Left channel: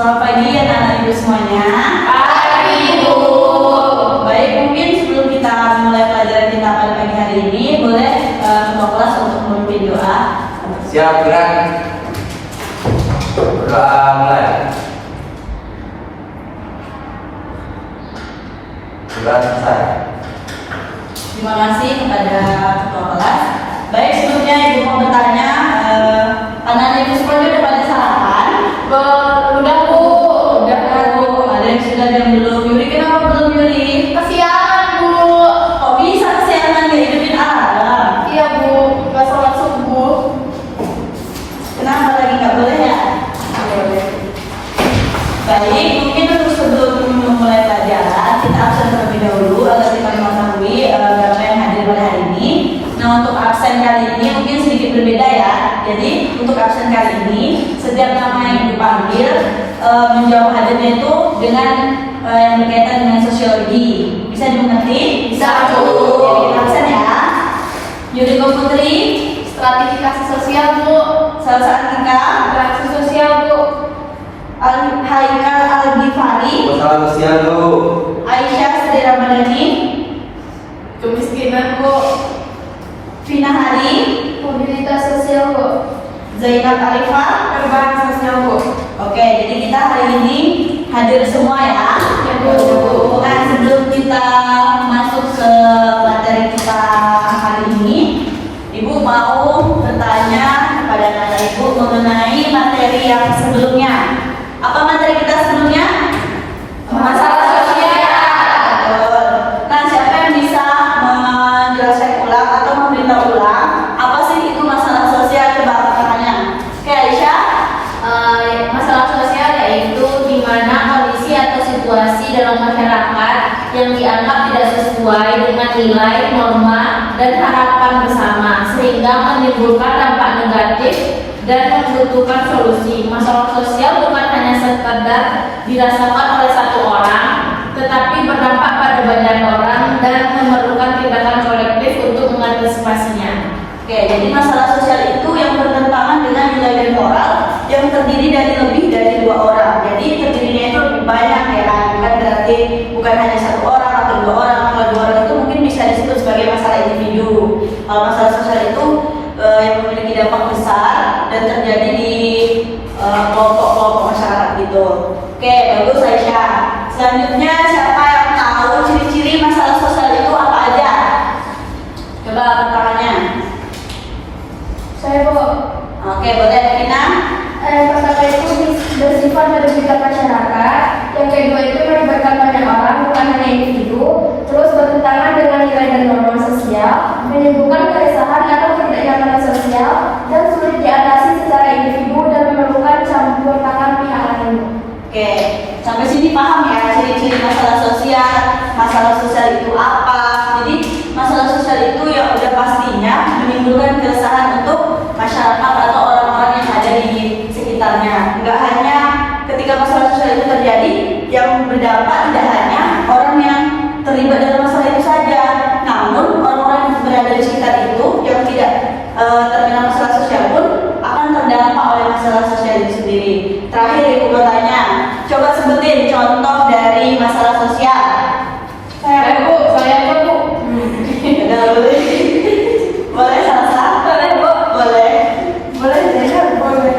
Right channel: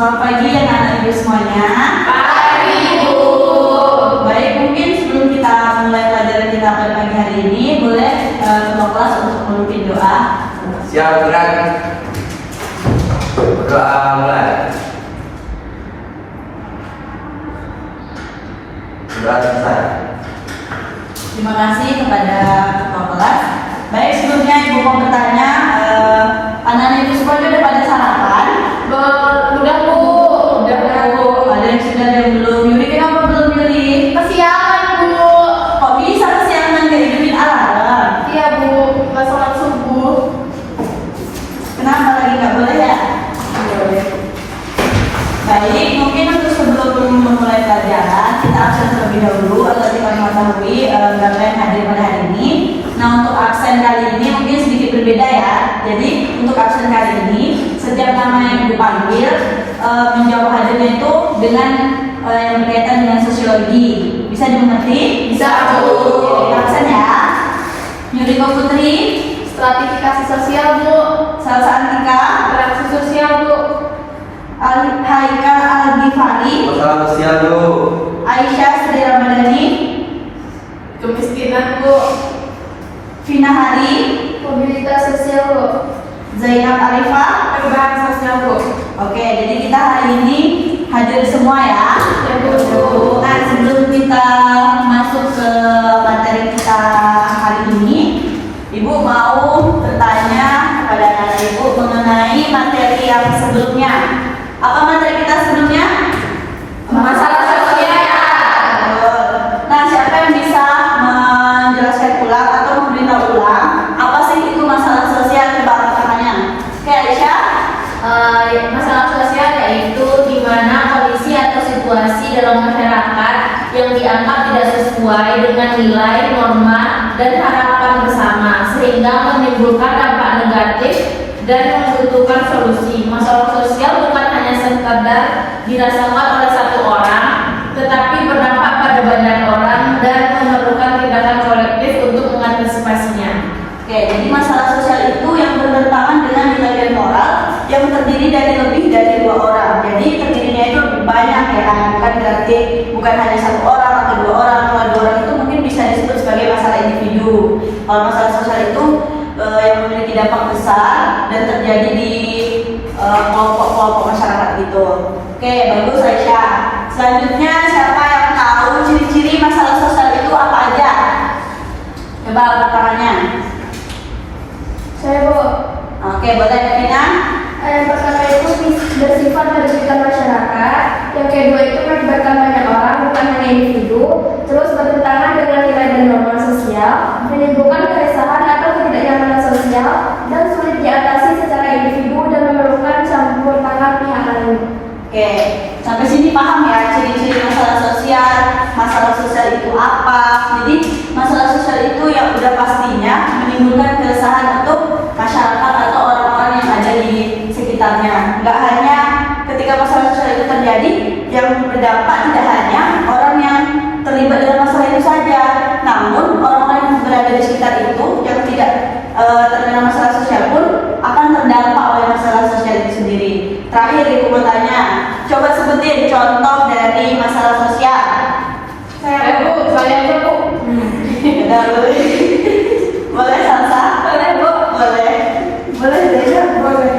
Selamat pagi anak-anak ibu semuanya. Pagi Ibu. Baik, mungkin sebelum kita mulai pelajaran kita pada pagi hari ini, boleh ketua kelas untuk memimpin doa. Siap, gerak. Doa mulai. Doa selesai. Terima kasih kepada ketua kelas. Baik, sebelumnya ibu mau bertanya, anak-anak ibu semuanya udah pada sarapan? Udah Bu. Udah Bu. Ada yang sudah ada yang belum? Yuri, kenapa belum Yuri? Kesiangan Bu. Kok bisa kesiangan ya hidupin alarm? Iya Bu. Nggak sholat subuh. Kenapa lagi nggak boleh ya? Boleh. Baik, mungkin untuk sebelum memulai pelajaran kita absen terlebih dahulu agar kita mengetahui berapa yang hadir pada hari ini. Nah, untuk absen kali ini mungkin sedikit berbeda ya. Jadi untuk absen kali ini setiap nama yang ibu panggil menjawab hadirnya itu dengan yang berkaitan dengan sosiologi. Bisa dimengerti? Bisa, Bu. Oke, kita absen ya. Yuriko Putri, Stratifikasi sosial Bu. Salsa Antika, Interaksi sosial Bu. Haikal Al-Ghifari, Masalah sosial Bu. Aisyah Sri Ramadhani, Kemiskinan Bu. Vina Hari, Mobilitas sosial Bu. Zainab Arifah. Perubahan sosial Bu. Oke, jadi kita hari ini hadir semua ya. Ya, Bu. Nah, sebelum kita masuk ke materi kita hari ini, Ibu mau bertanya kepada anak Ibu mengenai materi yang sebelumnya. Apa materi kita sebelumnya? Masalah sosial. Nah, siapa yang bisa menjelaskan ulang atau memberitahu ulang apa sih itu masalah sosial? Coba angkat tangannya. Oke, Aisyah. Masalah sosial yaitu di mana kondisi atau situasi dalam masyarakat yang dianggap tidak sesuai dengan nilai, norma, dan harapan bersama sehingga menimbulkan dampak negatif dan membutuhkan solusi. Masalah sosial bukan hanya sekedar dirasakan oleh satu orang, tetapi berdampak pada banyak orang dan memerlukan tindakan kolektif untuk mengantisipasinya. Oke, jadi masalah sosial itu yang bertentangan dengan nilai dan moral yang terdiri dari lebih dari dua orang. Jadi terdirinya itu lebih banyak ya kan, bukan berarti bukan hanya satu orang atau dua orang. Kalau dua orang itu mungkin bisa disebut sebagai masalah individu. Kalau masalah sosial itu yang memiliki dampak besar dan terjadi di kelompok-kelompok masyarakat gitu. Oke, bagus Aisyah. Selanjutnya siapa yang tahu ciri-ciri masalah sosial itu apa aja? Coba angkat tangannya. Saya Bu. Oke, boleh Vina? Yang pertama itu bersifat merugikan masyarakat, yang kedua itu melibatkan banyak orang bukan hanya individu, terus bertentangan dengan nilai dan norma sosial, menimbulkan keresahan atau ketidaknyamanan sosial, dan sulit diatasi secara individu dan memerlukan campur tangan pihak lain. Oke, sampai sini paham ya ciri-ciri masalah sosial. Masalah sosial itu apa? Jadi masalah sosial itu yang udah pastinya menimbulkan keresahan untuk masyarakat atau orang-orang yang ada di sekitarnya. Enggak hanya ketika masalah sosial itu terjadi, yang berdampak tidak hanya orang yang terlibat dalam masalah itu saja, namun orang-orang yang berada di sekitar itu yang tidak terkena masalah sosial pun akan terdampak oleh masalah sosial itu sendiri. Terakhir ibu mau tanya, coba sebutin contoh dari masalah sosial. Saya Bu. Udah boleh, boleh Salsa? Boleh Bu. Boleh, boleh Zainab? Boleh.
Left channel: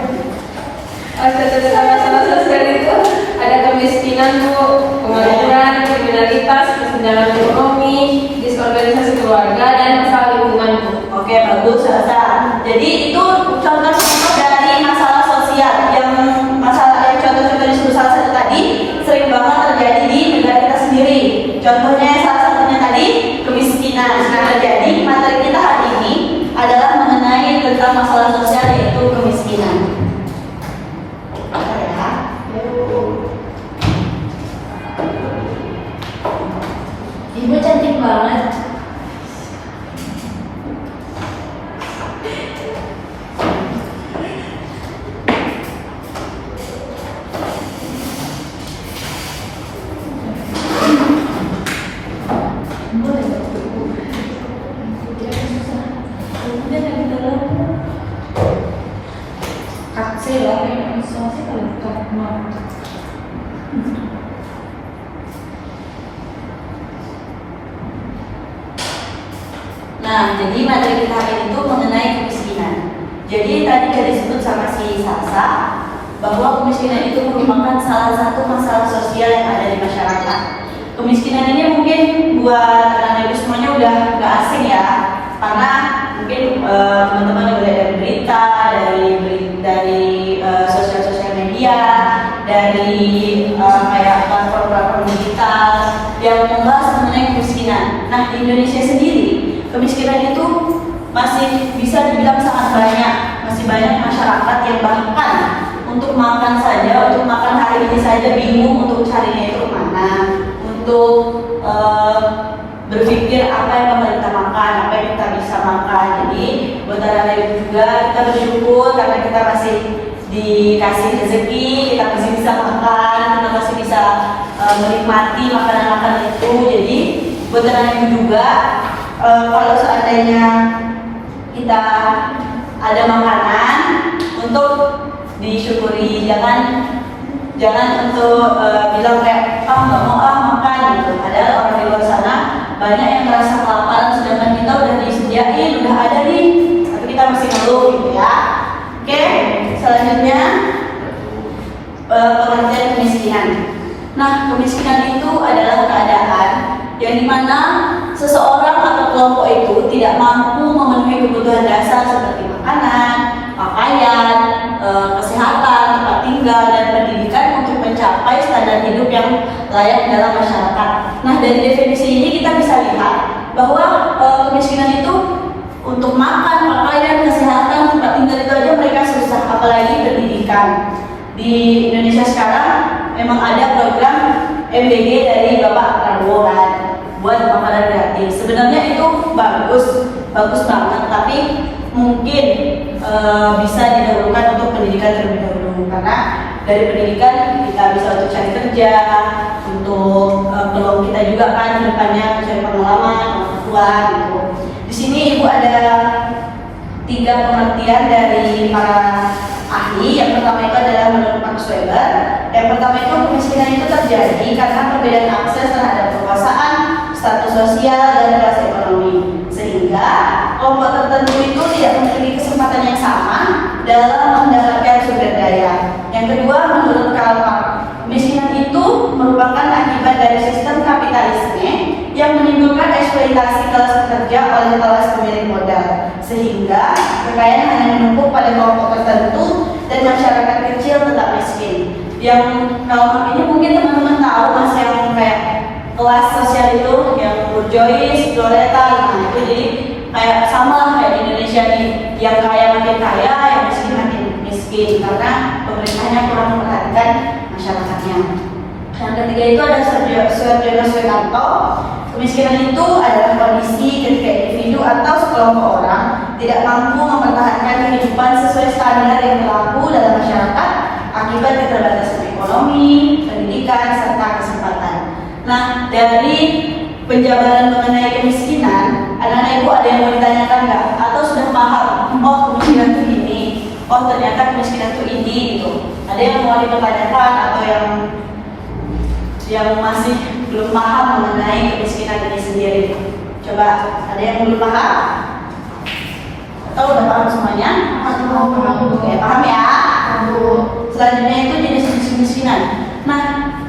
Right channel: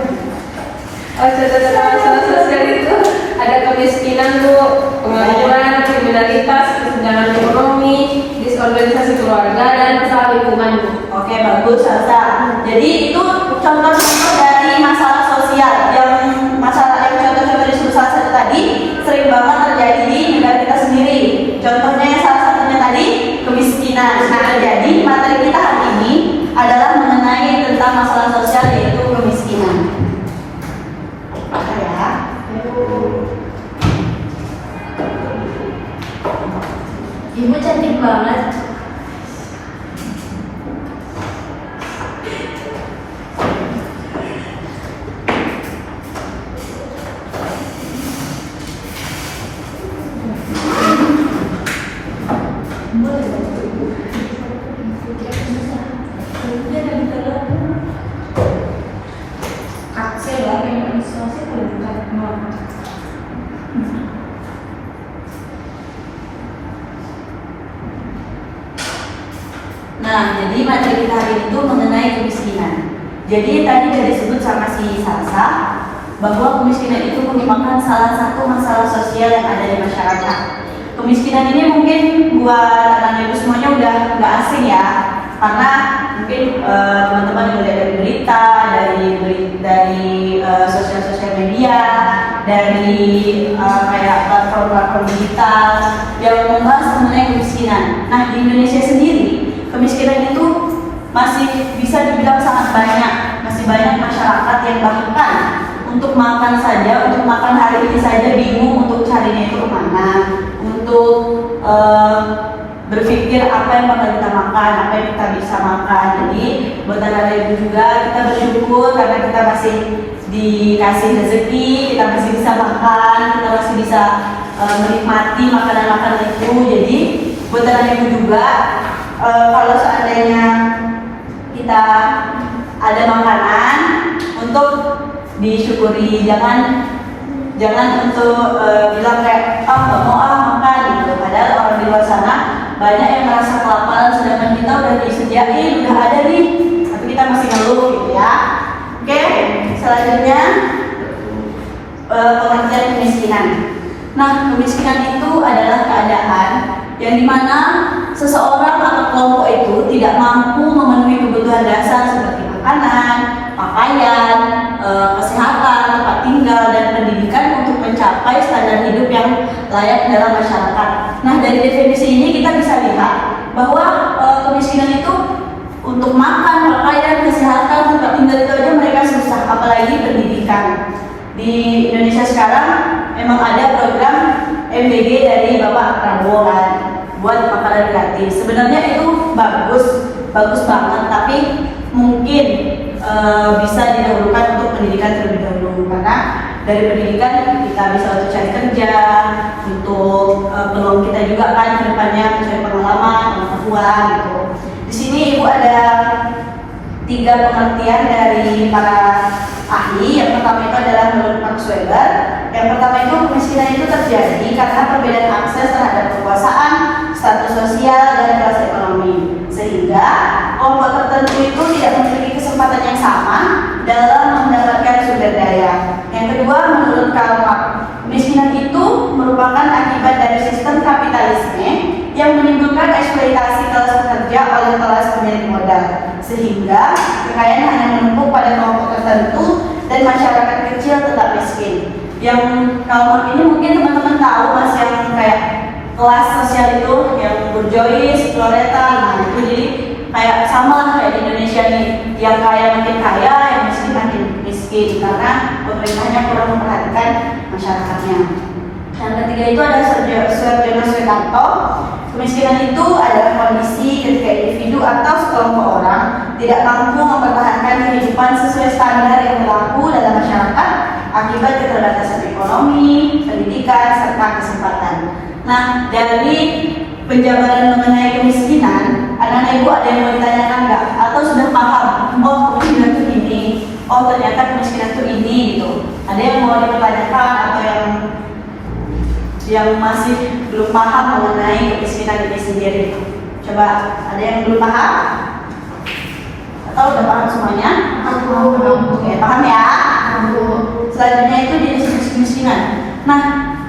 Contoh masalah sosial itu ada kemiskinan Bu, pengangguran, kriminalitas, kesenjangan ekonomi, disorganisasi keluarga, dan masalah lingkungan Bu. Oke, bagus Salsa. Jadi itu contoh-contoh dari masalah sosial yang contoh-contoh disebut salah satu tadi sering banget terjadi di negara kita sendiri. Contohnya salah satunya tadi kemiskinan. Nah, terjadi materi kita hari ini adalah mengenai tentang masalah sosial yaitu kemiskinan. Oke ya. Ibu cantik banget. Kak, saya ya, masih belum jadi materi kita hari ini itu mengenai kemiskinan. Jadi tadi sudah disebut sama si Salsa bahwa kemiskinan itu merupakan salah satu masalah sosial yang ada di masyarakat. Kemiskinan ini mungkin buat anak ibu semuanya udah nggak asing ya, karena mungkin teman-teman yang udah dari berita, dari sosial media, dari kayak platform digital yang membahas mengenai kemiskinan. Nah, di Indonesia sendiri kemiskinan itu masih bisa dibilang sangat banyak, masih banyak masyarakat yang bahkan untuk makan saja, untuk makan hari ini saja bingung untuk carinya itu kemana, untuk berpikir apa yang bakal kita makan, apa yang kita bisa makan. Jadi buat anak ibu juga kita bersyukur karena kita masih dikasih rezeki, kita masih bisa makan, kita masih bisa menikmati makanan-makanan itu. Jadi buat anak ibu juga kalau seandainya kita ada makanan untuk disyukuri, jangan untuk bilang kayak nggak mau makan gitu. Padahal orang di luar sana banyak yang merasa kelaparan, sedangkan kita udah disediain, udah ada nih, tapi kita masih ngeluh gitu ya. Oke, selanjutnya pengertian kemiskinan. Nah, kemiskinan itu adalah keadaan yang dimana seseorang atau kelompok itu tidak mampu memenuhi kebutuhan dasar seperti makanan, pakaian, kesehatan, tempat tinggal, dan pendidikan untuk mencapai standar hidup yang layak dalam masyarakat. Nah, dari definisi ini kita bisa lihat bahwa kemiskinan itu untuk makan, pakaian, kesehatan, tempat tinggal itu aja mereka susah, apalagi pendidikan. Di Indonesia sekarang memang ada program MBG dari Bapak Prabowo kan, buat makanan gratis. Sebenarnya itu bagus banget, tapi mungkin bisa didahulukan untuk pendidikan terlebih dahulu, karena dari pendidikan kita bisa untuk cari kerja, untuk peluang kita juga kan ke depannya mencari pengalaman, pengetahuan gitu. Di sini Ibu ada 3 pengertian dari para ahli. Yang pertama itu adalah menurut Max Weber. Yang pertama itu kemiskinan itu terjadi karena perbedaan akses terhadap kekuasaan, status sosial, dan kelas ekonomi, sehingga kelompok tertentu itu tidak memiliki kesempatan yang sama dalam mendapatkan sumber daya. Yang kedua, menurut Karl Marx, kemiskinan itu merupakan akibat dari sistem kapitalisme yang menimbulkan eksploitasi kelas pekerja oleh kelas pemilik modal, sehingga kekayaan hanya menumpuk pada kelompok tertentu dan masyarakat kecil tetap miskin. Yang Karl Marx ini mungkin teman-teman tahu mas, yang kayak kelas sosial itu yang bourgeois, proletar, nah itu jadi kayak sama lah kayak di Indonesia nih, yang kaya makin kaya, yang miskin makin miskin karena pemerintahnya kurang memperhatikan masyarakatnya. Yang ketiga itu ada Sergio Suetanto. Kemiskinan itu adalah kondisi ketika individu atau sekelompok orang tidak mampu mempertahankan kehidupan sesuai standar yang berlaku dalam masyarakat akibat keterbatasan ekonomi, pendidikan, serta kesempatan. Nah, dari penjabaran mengenai kemiskinan, anak-anak ibu ada yang mau ditanyakan nggak? Atau sudah paham? Oh, kemiskinan itu ini. Oh, ternyata kemiskinan itu ini gitu. Ada yang mau dipertanyakan atau yang masih belum paham mengenai kemiskinan ini sendiri? Coba, ada yang belum paham? Atau udah paham semuanya? Oke, paham ya? Selanjutnya itu jenis kemiskinan. Nah,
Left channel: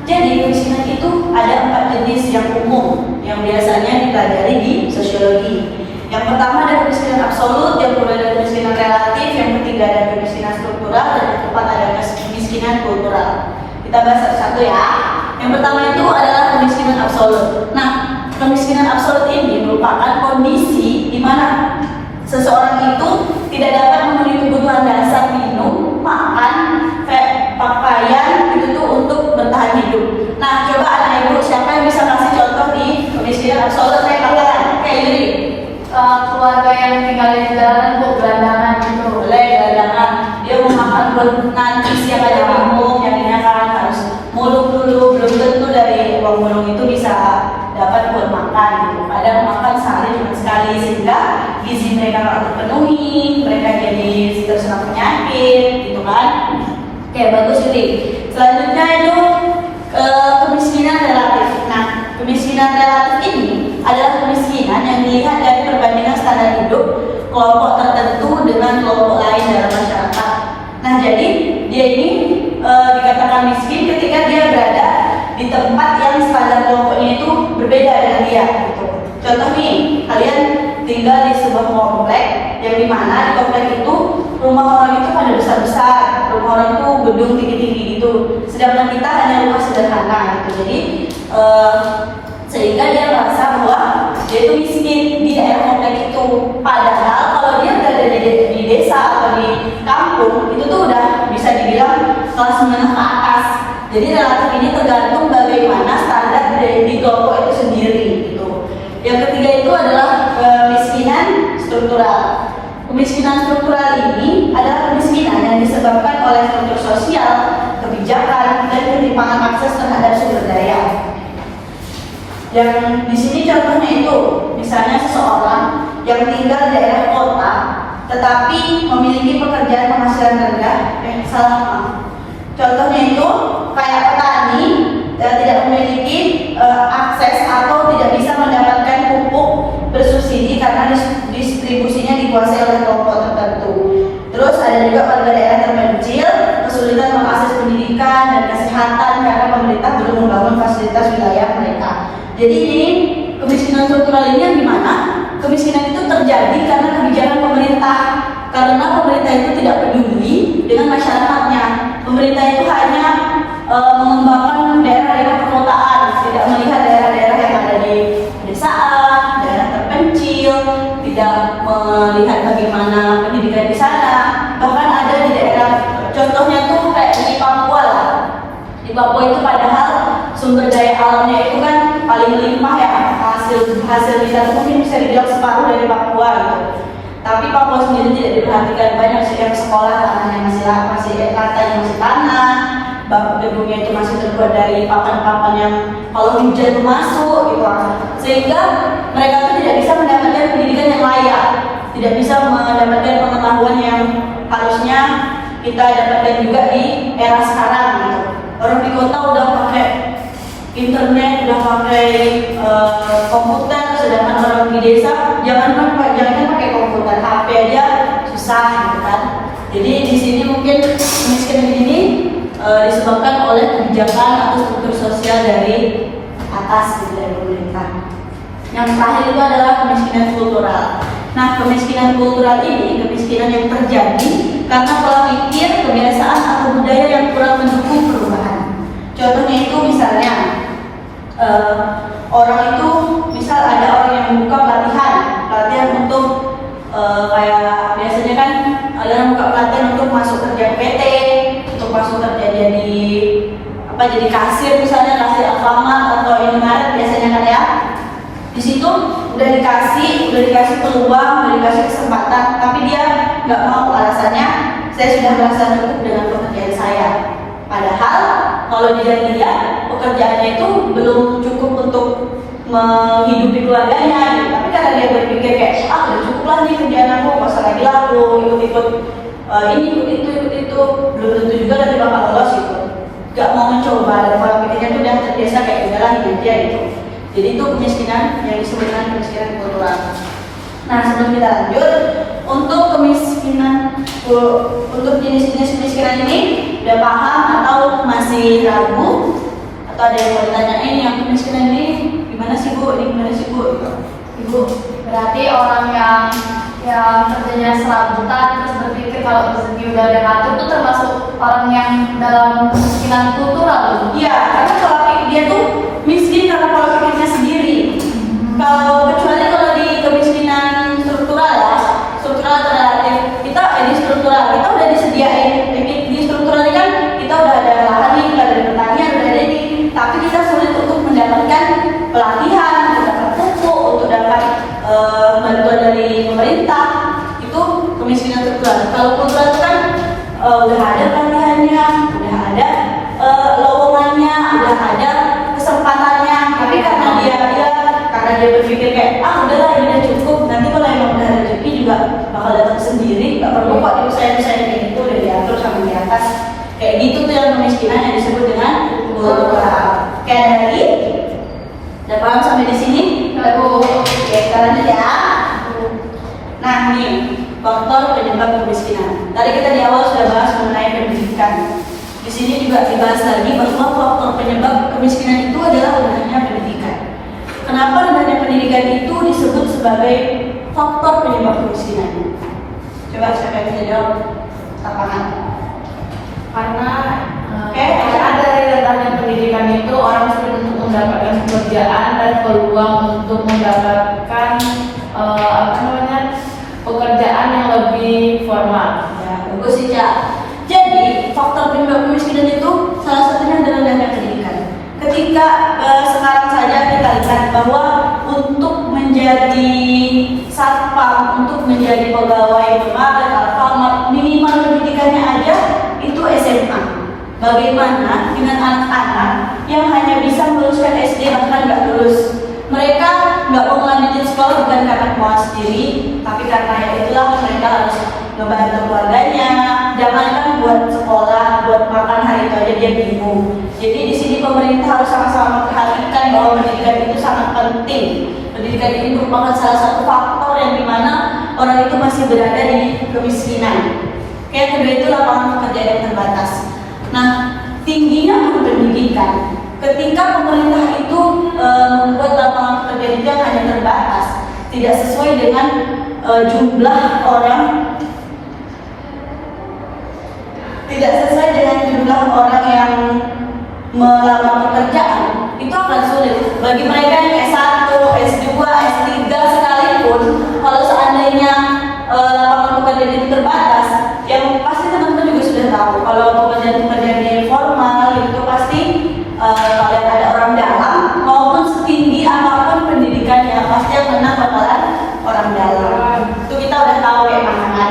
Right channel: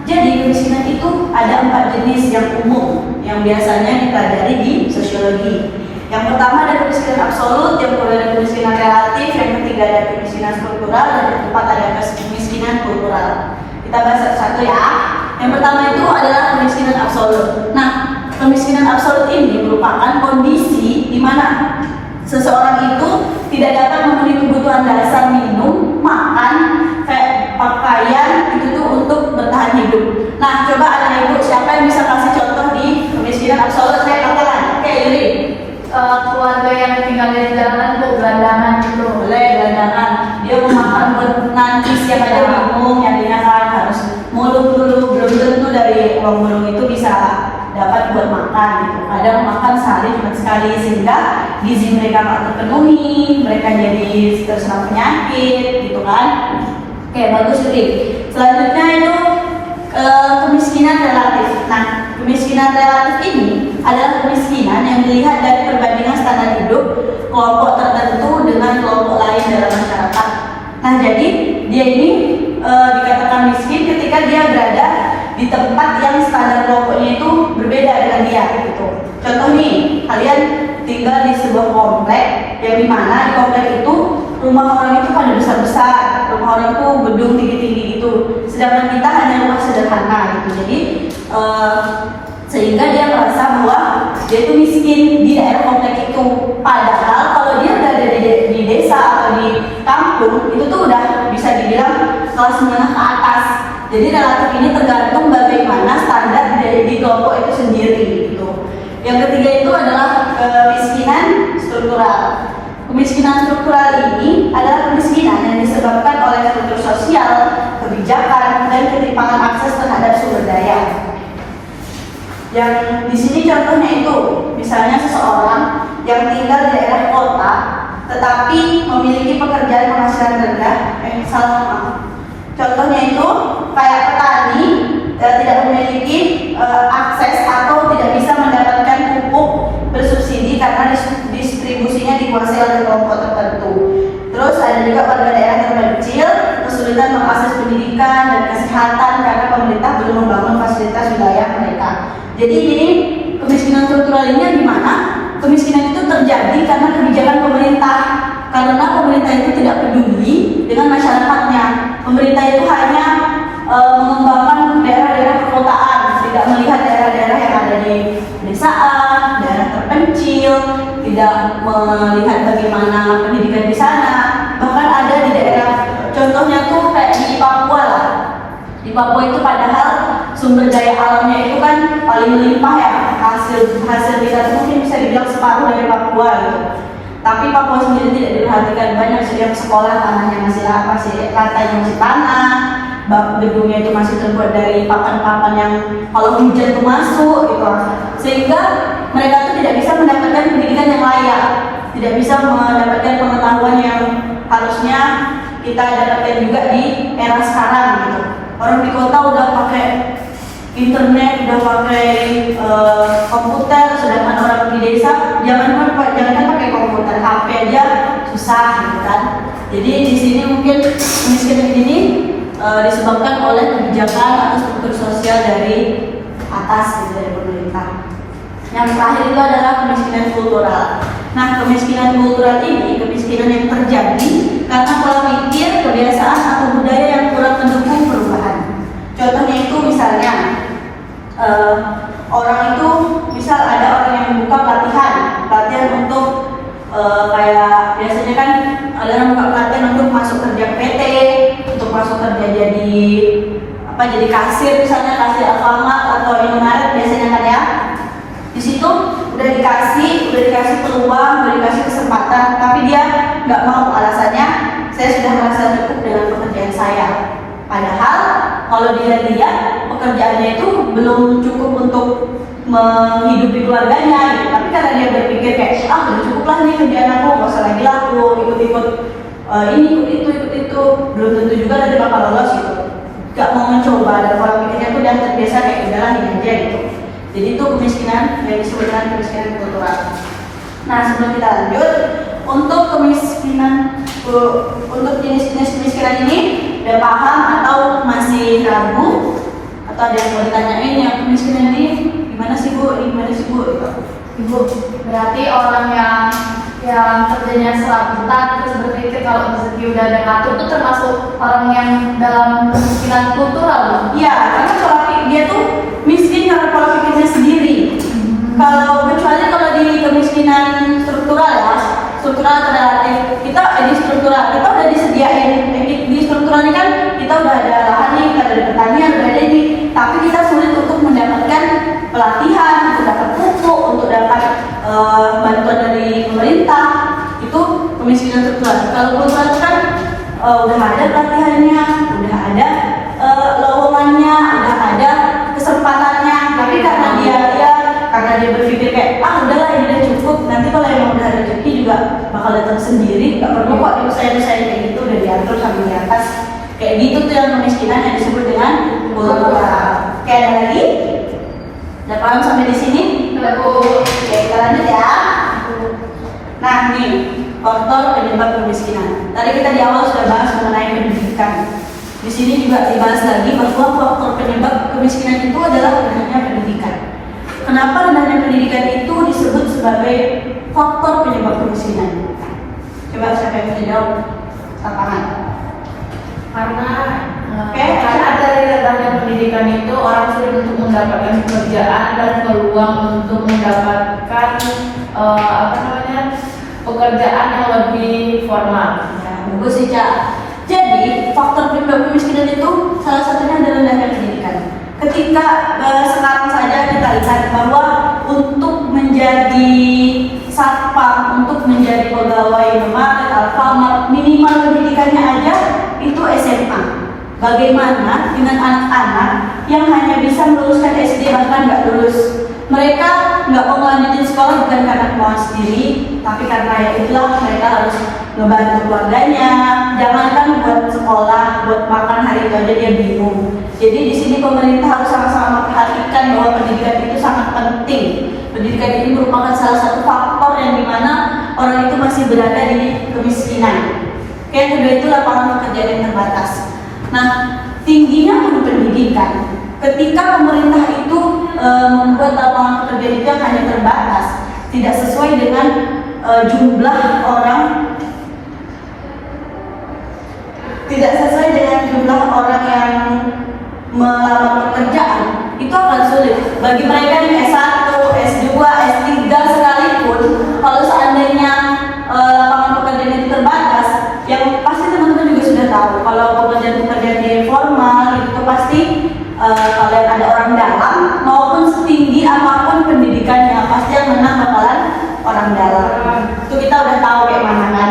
jadi kemiskinan itu ada 4 jenis yang umum yang biasanya dipelajari di sosiologi. Yang pertama ada kemiskinan absolut, yang kedua ada kemiskinan relatif, yang ketiga ada kemiskinan struktural, dan yang keempat ada kemiskinan kultural. Kita bahas satu-satu ya. Yang pertama itu adalah kemiskinan absolut. Nah, kemiskinan absolut ini merupakan kondisi di mana seseorang itu tidak dapat memenuhi kebutuhan dasar minum, makan, pakaian itu tuh untuk bertahan hidup. Nah, coba anak ibu siapa yang bisa kasih contoh di kemiskinan absolut? Saya bakalan. Oke, Yuri. Keluarga yang tinggal di jalan, Bu, gelandangan gitu. Boleh, gelandangan. Dia mau makan buat nanti siap aja bingung, jadinya kan harus mulung dulu. Belum tentu dari uang mulung itu bisa dapat buat makan gitu. Kadang makan sehari cuma sekali, sehingga gizi mereka nggak terpenuhi, mereka jadi terserang penyakit gitu kan. Oke, bagus Yuri. Selanjutnya itu kemiskinan relatif. Nah, kemiskinan relatif ini adalah kemiskinan yang dilihat dari perbandingan standar hidup hidup kelompok tertentu dengan kelompok lain dalam masyarakat. Nah, jadi dia ini dikatakan miskin ketika dia berada di tempat yang standar kelompoknya itu berbeda dengan dia gitu. Contoh nih, kalian tinggal di sebuah komplek yang dimana di komplek itu rumah orang itu pada besar-besar, rumah orang itu gedung tinggi-tinggi gitu, sedangkan kita hanya rumah sederhana gitu. Jadi sehingga dia merasa bahwa dia itu miskin di daerah komplek itu. Padahal kalau dia berada di desa atau di kampung itu tuh udah bisa dibilang kelas menengah ke atas. Jadi relatif ini tergantung bagaimana standar di kelompok itu sendiri gitu. Yang ketiga itu adalah kemiskinan struktural. Kemiskinan struktural ini adalah kemiskinan yang disebabkan oleh struktur sosial, kebijakan, dan ketimpangan akses terhadap sumber daya. Yang di sini contohnya itu, misalnya seseorang yang tinggal di daerah kota, tetapi memiliki pekerjaan penghasilan rendah, contohnya itu kayak petani tidak memiliki akses atau tidak bisa mendapatkan pupuk bersubsidi karena distribusinya dikuasai oleh kelompok tertentu. Terus ada juga warga daerah terpencil kesulitan mengakses pendidikan dan kesehatan karena pemerintah belum membangun fasilitas wilayah mereka. Jadi ini kemiskinan struktural ini di mana kemiskinan itu terjadi karena kebijakan pemerintah. Karena pemerintah itu tidak peduli dengan masyarakatnya. Pemerintah itu hanya mengembangkan daerah-daerah perkotaan, tidak melihat daerah-daerah yang ada di pedesaan, daerah terpencil, tidak melihat bagaimana pendidikan di sana. Bahkan ada di daerah, contohnya tuh kayak di Papua lah. Di Papua itu padahal sumber daya alamnya itu kan paling melimpah ya, hasil kita itu mungkin bisa dibilang separuh dari Papua gitu. Tapi Papua sendiri tidak diperhatikan, banyak yang sekolah tanahnya masih lantainya masih tanah, gedungnya itu masih terbuat dari papan-papan yang kalau hujan itu masuk gitu. Sehingga mereka itu tidak bisa mendapatkan pendidikan yang layak, tidak bisa mendapatkan pengetahuan yang harusnya kita dapatkan juga di era sekarang gitu. Orang di kota udah pakai internet, udah pakai komputer, sedangkan orang di desa jangan pakai komputer, HP aja susah gitu kan. Jadi di sini mungkin kemiskinan ini disebabkan oleh kebijakan atau struktur sosial dari atas gitu, dari pemerintah. Yang terakhir itu adalah kemiskinan kultural. Nah, kemiskinan kultural ini kemiskinan yang terjadi karena pola pikir, kebiasaan atau budaya yang kurang mendukung perubahan. Contohnya itu misalnya orang itu misal ada orang yang membuka pelatihan untuk kayak biasanya kan ada yang buka pelatihan untuk masuk kerja PT, untuk masuk kerja jadi kasir, misalnya kasir Alfamart atau Indomaret biasanya kan ya. Di situ udah dikasih peluang, udah dikasih kesempatan, tapi dia nggak mau. Alasannya, saya sudah merasa cukup dengan pekerjaan saya. Padahal kalau dilihat pekerjaannya itu belum cukup untuk menghidupi keluarganya gitu. Tapi karena dia berpikir kayak udah cukup lah nih kerjaan aku, nggak usah lagi lah aku ikut ini ikut itu, belum tentu juga nanti bakal lolos gitu. Gak mau mencoba, dan pola pikirnya tuh udah terbiasa kayak udahlah ini aja gitu. Jadi itu kemiskinan yang disebut dengan kemiskinan kultural. Nah, sebelum kita lanjut, untuk jenis-jenis kemiskinan ini udah paham atau masih ragu? Atau ada yang mau ditanyain yang kemiskinan ini gimana sih Bu? Ini gimana sih Bu? Gitu. Ibu, berarti orang yang kerjanya serabutan terus berpikir kalau rezeki udah ada ngatur itu termasuk orang yang dalam kemiskinan kultural. Iya, karena pola pikir dia tuh miskin karena pola pikirnya sendiri. Kecuali kalau di kemiskinan struktural ya, struktural atau relatif, kita udah disediain. Di struktural ini kan kita udah ada lahan nih, kita ada pertanian, udah ada ini, tapi kita sulit untuk mendapatkan pelatihan, untuk dapat pupuk, untuk dapat bantuan dari pemerintah. Itu kemiskinan struktural. Kalau kultural itu kan udah ada pelatihannya, udah ada lowongannya, udah ada kesempatannya, tapi karena dia berpikir kayak udahlah ini udah cukup, nanti kalau emang udah rezeki juga bakal datang sendiri, nggak perlu kok diusahain kayak gitu, udah diatur sampai di atas kayak gitu. Tuh yang kemiskinan yang disebut dengan kultural. Kayak ada lagi? Udah paham sampai di sini? Udah Bu. Oke, kita lanjut ya. Nah, faktor penyebab kemiskinan. Tadi kita di awal sudah bahas mengenai pendidikan. Di sini juga dibahas lagi bahwa faktor penyebab kemiskinan itu adalah rendahnya pendidikan. Kenapa rendahnya pendidikan itu disebut sebagai faktor penyebab kemiskinan? Coba siapa yang bisa jawab? Lapangan. Karena Oke. ada dari rendahnya pendidikan itu orang sulit untuk mendapatkan pekerjaan dan peluang untuk mendapatkan pekerjaan yang lebih formal. Bagus sih, Cak. Jadi, faktor penyebab kemiskinan itu salah satunya adalah rendahnya pendidikan. Ketika sekarang saja kita lihat bahwa untuk menjadi satpam, untuk menjadi pegawai Indomaret, Alfamart, minimal pendidikannya aja itu SMA. Bagaimana dengan anak-anak yang hanya bisa meluluskan SD bahkan nggak lulus? Mereka nggak mau melanjutin sekolah bukan karena mau sendiri, tapi karena ya itulah mereka harus ngebantu keluarganya. Jangankan buat sekolah, buat makan hari itu aja dia bingung. Jadi di sini pemerintah harus sama-sama memperhatikan bahwa pendidikan itu sangat penting. Pendidikan ini merupakan salah satu faktor yang dimana orang itu masih berada di kemiskinan. Yang kedua itu lapangan pekerjaan yang terbatas. Nah, tingginya pun pendidikan. Ketika pemerintah itu membuat lapangan pekerjaan itu yang hanya terbatas, tidak sesuai dengan jumlah orang, yang melamar pekerjaan, itu akan sulit. Bagi mereka yang S1, S2, S3 sekalipun, kalau seandainya lapangan pekerjaan itu terbatas, yang pasti teman-teman juga sudah tahu, kalau pekerjaan formal itu pasti kalian ada orang dalam maupun setinggi apapun pendidikannya, pasti yang menang bakalan orang dalam. Itu kita udah tahu kayak mana kan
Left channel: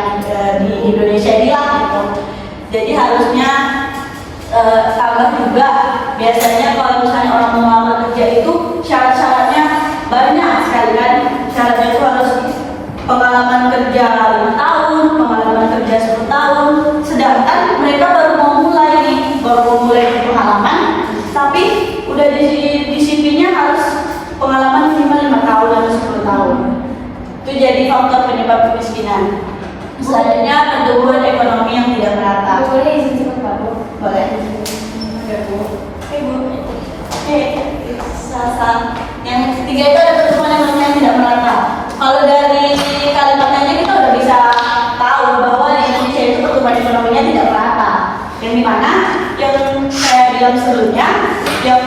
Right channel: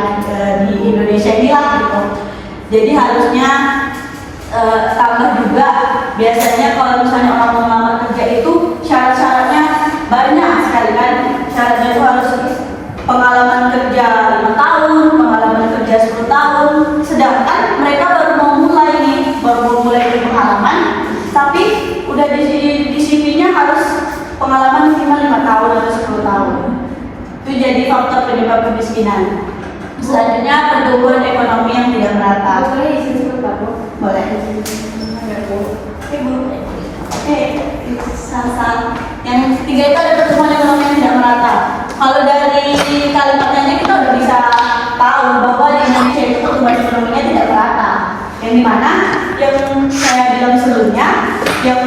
di Indonesia ini lah gitu. Jadi harusnya tambah juga, biasanya kalau misalnya orang mau melamar kerja itu syarat-syaratnya banyak sekali kan. Syaratnya itu harus pengalaman kerja 5 tahun, pengalaman kerja 10 tahun. Sedangkan mereka baru mau mulai pengalaman, tapi udah di CV-nya harus pengalaman minimal 5 tahun atau 10 tahun. Itu jadi faktor penyebab kemiskinan. Selanjutnya pertumbuhan ekonomi yang tidak merata. Boleh izin cepat Pak Bu? Boleh. Oke, salah. Yang ketiga itu ada pertumbuhan ekonomi yang tidak merata. Kalau dari kalimatnya kita udah bisa tahu bahwa di Indonesia itu pertumbuhan ekonominya tidak merata. Yang dimana yang saya bilang sebelumnya, yang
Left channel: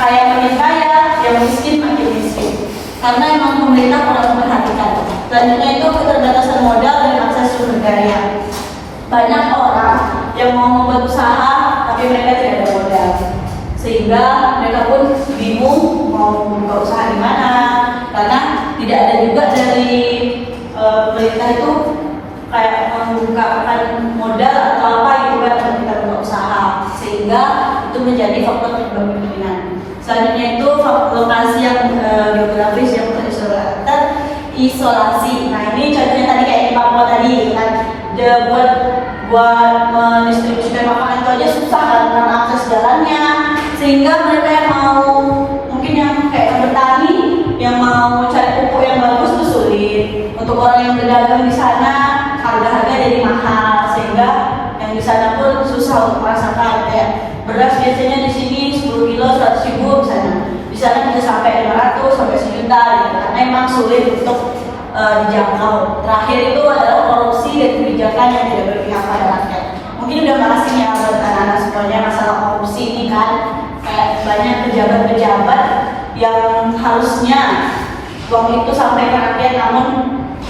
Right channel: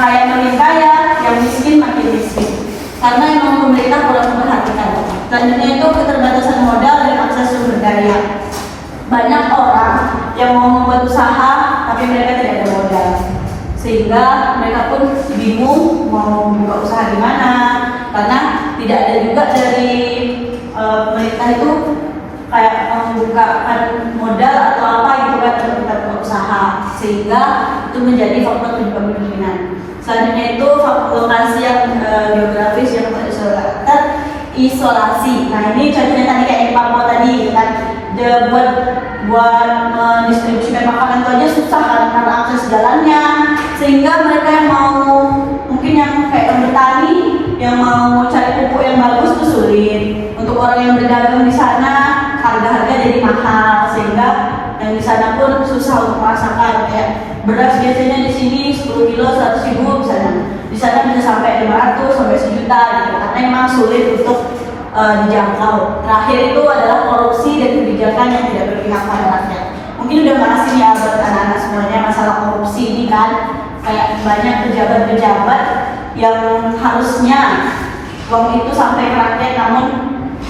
kaya makin kaya, yang miskin makin miskin. Karena emang pemerintah kurang memperhatikan. Selanjutnya itu keterbatasan modal dan akses sumber daya. Banyak orang yang mau membuat usaha tapi mereka tidak ada modal, sehingga mereka pun bingung mau buka usaha di mana, karena tidak ada juga dari pemerintah itu kayak membukakan modal atau apa gitu kan untuk kita buka usaha, sehingga itu menjadi faktor penyebab kemiskinan. Selanjutnya itu lokasi yang geografis yang terisolasi. Nah ini contohnya tadi kayak di Papua tadi gitu kan, buat mendistribusikan makanan itu aja susah karena akses jalannya, sehingga mereka yang mau mungkin yang kayak bertani yang mau cari pupuk yang bagus itu sulit. Untuk orang yang berdagang di sana harga-harga jadi mahal, sehingga yang di sana pun susah untuk merasakan kayak beras biasanya di sini 10 kilo 100 ribu misalnya, di sana bisa sampai 500 sampai 1 juta gitu, karena emang sulit untuk dijangkau. Terakhir itu adalah korupsi dan kebijakan yang tidak berpihak pada rakyat. Mungkin udah bahas ini ya buat anak-anak semuanya masalah korupsi ini kan, kayak banyak pejabat-pejabat yang harusnya uang itu sampai ke rakyat namun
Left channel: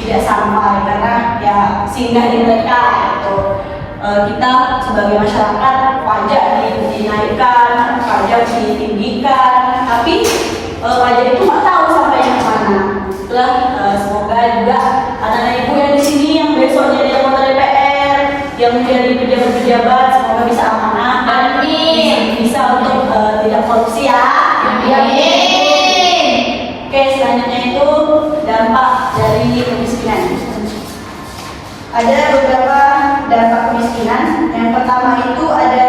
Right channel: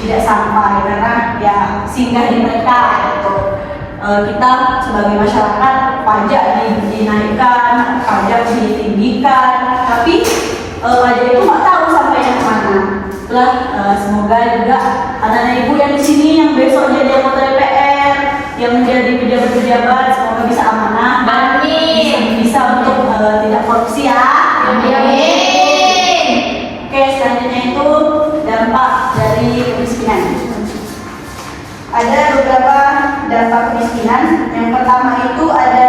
tidak sampai karena ya singgah di mereka gitu. Kita sebagai masyarakat pajak dinaikkan, pajak ditinggikan, tapi pajak itu nggak tahu sampai yang kemana. Itulah semoga juga anak-anak ibu yang di sini yang besok jadi anggota DPR, yang menjadi pejabat-pejabat, semoga bisa amanah dan bisa untuk tidak korupsi ya. Amin. Oke, selanjutnya itu dampak dari kemiskinan. Ada beberapa dampak kemiskinan. Yang pertama itu ada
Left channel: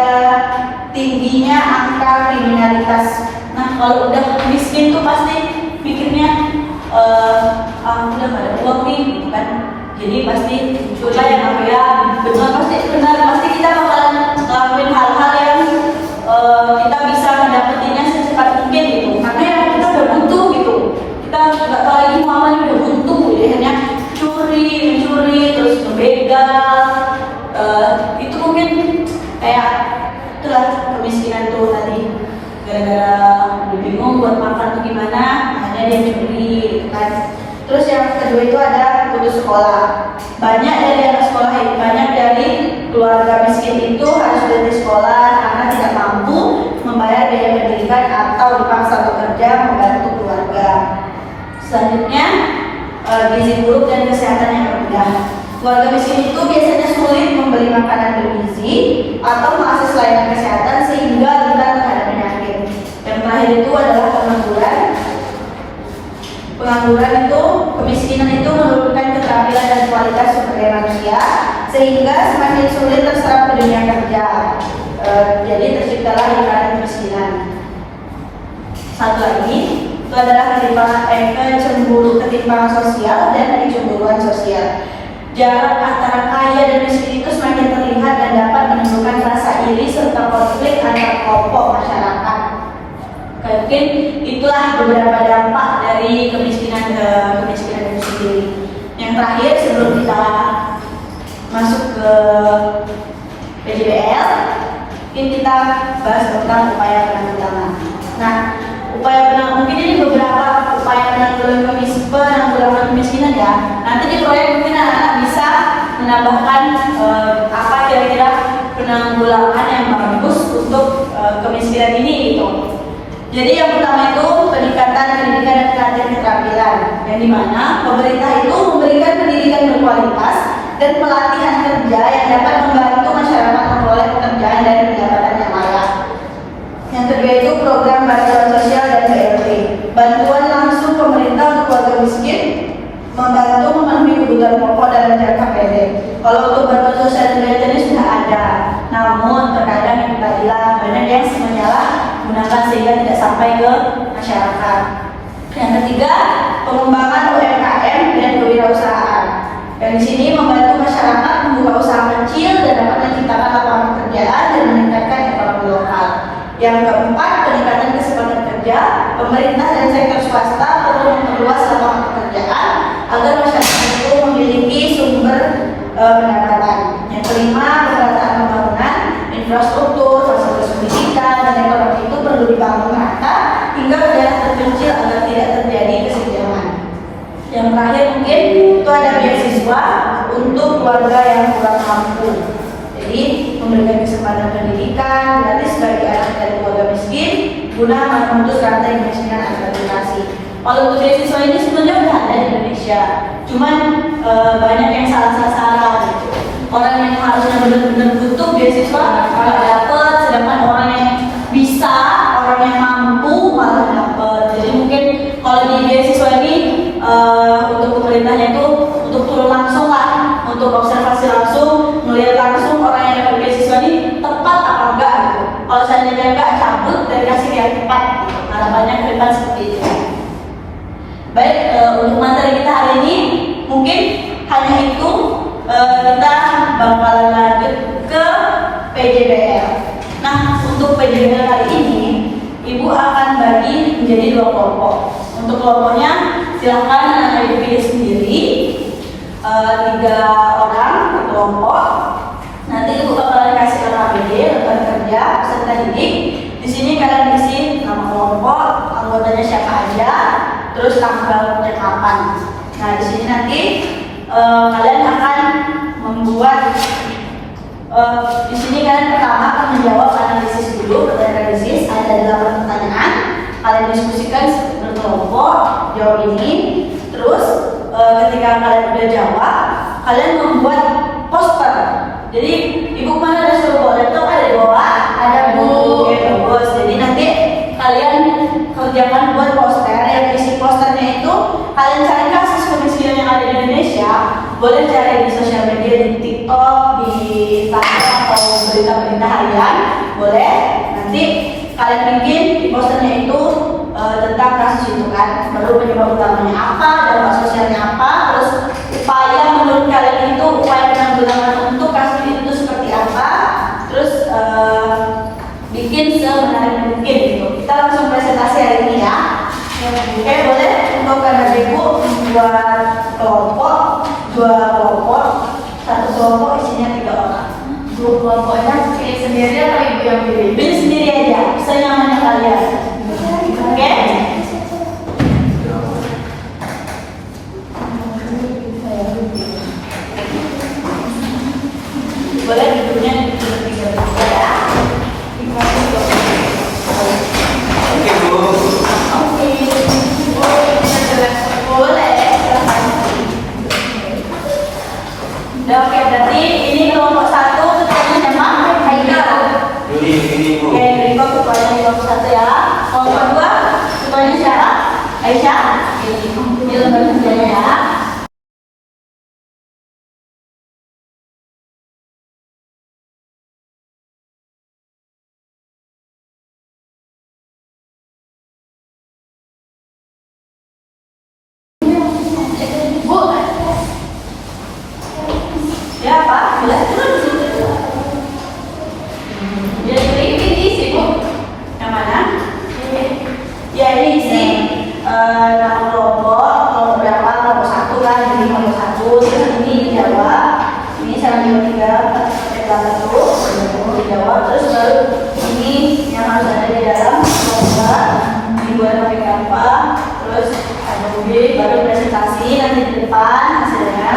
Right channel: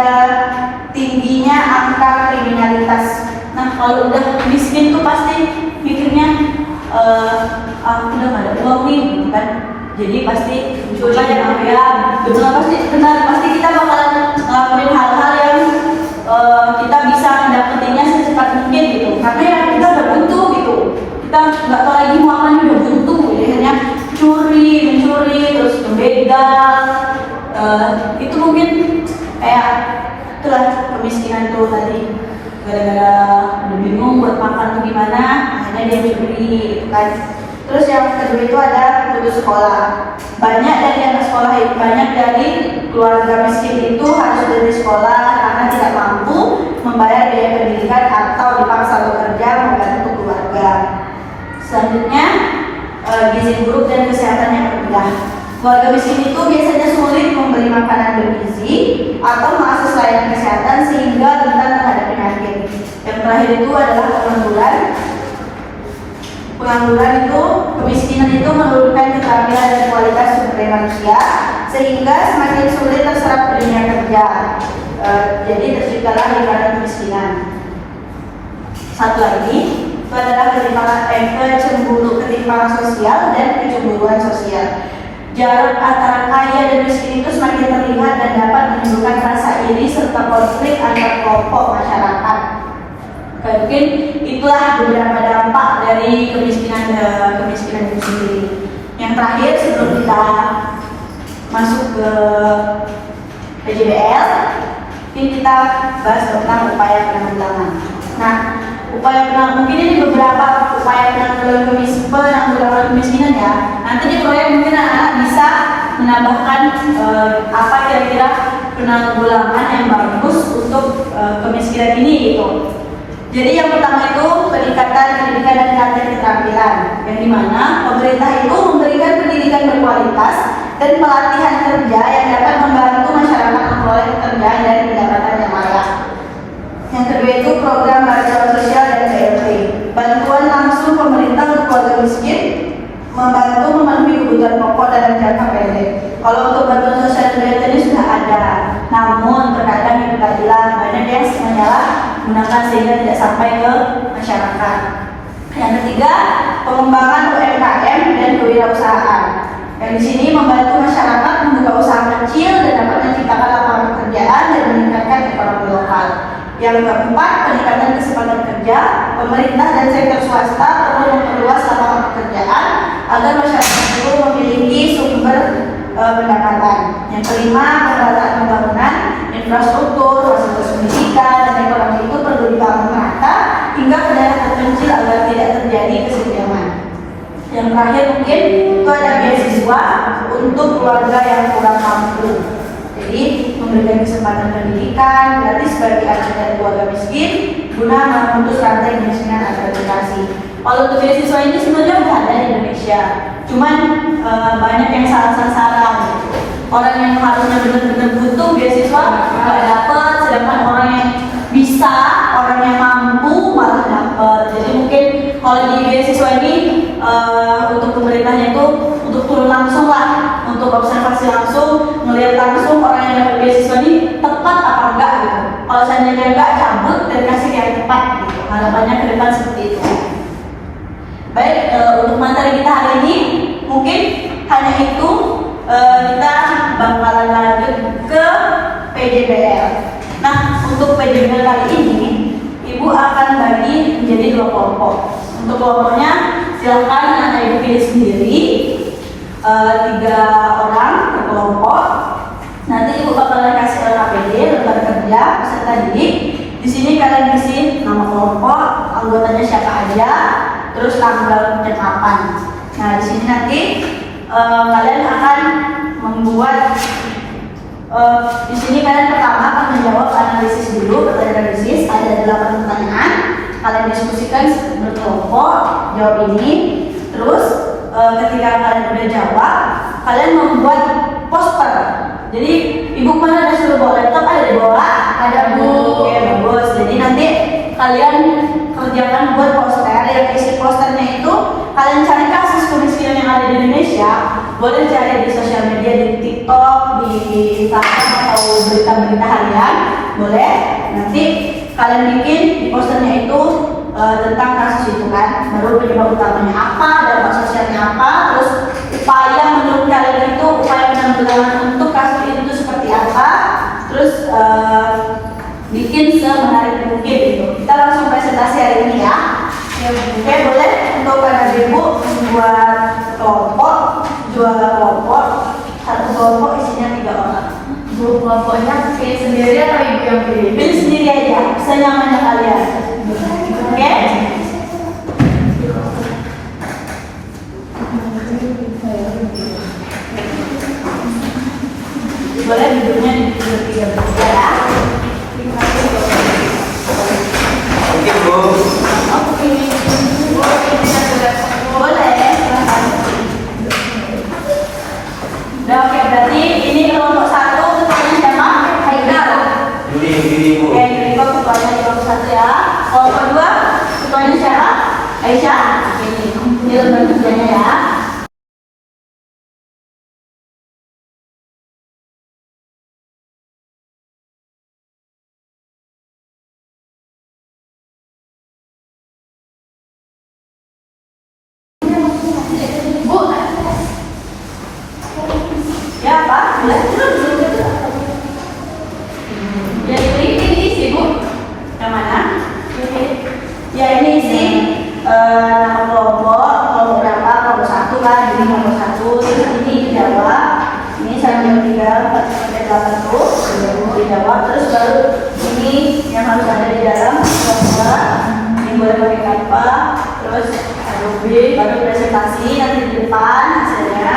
tingginya angka kriminalitas. Nah, kalau udah miskin tuh pasti mikirnya udah nggak ada uang nih, gitu kan? Jadi pasti muncullah yang apa ya, betul pasti benar, pasti kita bakalan ngelakuin hal-hal yang kita bisa mendapatinya secepat mungkin gitu, karena ya kita udah buntu gitu, kita nggak tahu lagi mau apa nih, udah buntu jadi hanya mencuri terus membegal, itu mungkin kayak itulah kemiskinan tuh tadi, gara-gara udah bingung buat makan tuh gimana, akhirnya dia curi kan. Terus yang kedua itu ada putus sekolah. Banyak dari keluarga miskin itu harus berhenti sekolah karena tidak mampu membayar biaya pendidikan atau dipaksa bekerja membantu keluarga. Selanjutnya, gizi buruk dan kesehatan yang rendah. Keluarga miskin itu biasanya sulit membeli makanan bergizi atau mengakses layanan kesehatan sehingga rentan terhadap penyakit. Yang terakhir itu adalah pengangguran. Pengangguran itu, kemiskinan itu menurunkan keterampilan dan kualitas sebagai manusia sehingga semakin sulit terserap ke dunia kerja. Jadi terciptalah lingkaran kemiskinan. Satu lagi itu adalah ketimpangan sosial dan kecemburuan sosial. Jarak antara kaya dan miskin itu semakin terlihat dan dapat menimbulkan rasa iri serta konflik antar kelompok masyarakat. Mungkin itulah beberapa dampak dari kemiskinan itu sendiri. Yang terakhir sebelum kita masuk ke PJBL, mungkin kita bahas tentang upaya penanggulangan. Nah, mungkin ini beberapa upaya penanggulangan kemiskinan ya. Nanti di proyek mungkin anak-anak bisa menambahkan apa kira-kira penanggulangan yang bagus untuk kemiskinan ini gitu. Jadi yang pertama itu peningkatan pendidikan dan pelatihan keterampilan, yang dimana pemerintah itu memberikan pendidikan berkualitas dan pelatihan kerja yang dapat membantu masyarakat memperoleh pekerjaan dan pendapatan yang layak. Yang kedua itu program bantuan sosial dan BLT, bantuan langsung pemerintah untuk keluarga miskin, membantu memenuhi kebutuhan pokok dalam jangka pendek. Kalau untuk bantuan sosial dan BLT ini sudah ada, namun terkadang itu tak hilang, banyak yang menyalahgunakan sehingga tidak sampai ke masyarakat. Yang ketiga, pengembangan UMKM dan kewirausahaan. Dan di sini membantu masyarakat membuka usaha kecil dan dapat menciptakan lapangan pekerjaan dan meningkatkan ekonomi lokal. Yang keempat, peningkatan kesempatan kerja. Pemerintah dan sektor swasta perlu memperluas lapangan pekerjaan agar masyarakat itu memiliki sumber pendapatan. Yang kelima, pemerataan pembangunan infrastruktur, fasilitas pendidikan, dan ekonomi itu perlu dibangun rata hingga ke daerah terpencil agar tidak terjadi kesenjangan. Yang terakhir mungkin itu ada beasiswa untuk keluarga yang kurang mampu. Jadi memberikan kesempatan pendidikan gratis bagi anak dari keluarga miskin guna memutus rantai kemiskinan antar generasi. Kalau untuk beasiswa ini sebenarnya sudah ada di Indonesia, cuman banyak yang salah sasaran. Orang yang harusnya benar-benar butuh beasiswa nggak dapat, sedangkan orang yang bisa, orang yang mampu malah dapat. Jadi mungkin kalau di beasiswa ini untuk pemerintahnya itu untuk turun langsung lah, untuk observasi langsung, melihat langsung orang yang dapat beasiswa ini tepat apa enggak gitu. Kalau seandainya enggak, cabut dan kasih yang tepat gitu. Karena banyak kereta seperti itu. Baik, untuk materi kita hari ini mungkin hanya itu. Kita bakalan lanjut ke PJBL. Nah, untuk PJBL kali ini Ibu akan bagi menjadi 2 kelompok. Untuk kelompoknya silakan anak Ibu pilih sendiri, 3 orang per kelompok. Nanti Ibu bakalan kasih LKPD, rekan kerja, peserta didik. Di sini kalian isi nama kelompok, anggotanya siapa aja, terus tanggal dan kapan. Nah, di sini nanti kalian akan membuat di sini kalian pertama akan menjawab analisis dulu, pertanyaan analisis ada 8 pertanyaan. Kalian diskusikan berkelompok jawab ini. Terus ketika kalian udah jawab, kalian membuat poster. Jadi Ibu mana ada suruh bawa laptop, ada di bawah, ada Bu. Oke, bagus. Jadi nanti kalian kerjakan buat poster. Yang isi posternya itu kalian cari kasus kemiskinan yang ada di Indonesia. Boleh cari di sosial media, di TikTok, di Instagram atau berita-berita harian. Boleh. Nanti kalian bikin di posternya itu tentang kasus itu kan. Baru penyebab utamanya apa, dampak sosialnya apa. Terus Upaya menurut kalian itu upaya penanggulangan untuk kasus itu seperti apa? Terus bikin semenarik mungkin gitu. Kita langsung presentasi hari ini ya. Oke, boleh untuk anak ibu membuat kelompok, 2 kelompok, 1 kelompok isinya 3 orang. Grup kelompoknya pilih sendiri atau ibu yang pilih? Pilih sendiri aja, senyamannya kalian. Oke? Boleh duduknya di 3 ya. Oke, Bu. Oke. Boleh. Silakan. Udah, oke, berarti ini kelompok 1 ketuanya siapa? Haikal. Yuli, Bu. Oke, Riko ketuanya kelompok 1 ya. Kelompok 2 ketuanya siapa? Aisyah. Ini lembar kerjanya ya. Bu, Ya, Pak. Boleh. yang ini isi Bu. Yang mana? Ya, ini isi nama kelompok berapa? Kelompok 1 kan, ini kelompok 1. Terus ini dijawab. Ini saya jawab 3, 4, 8 dijawab. Terus baru ini yang harus ada di dalam kelompok. Ini boleh pakai apa? Terus ada B, baru presentasi nanti di depan hasilnya.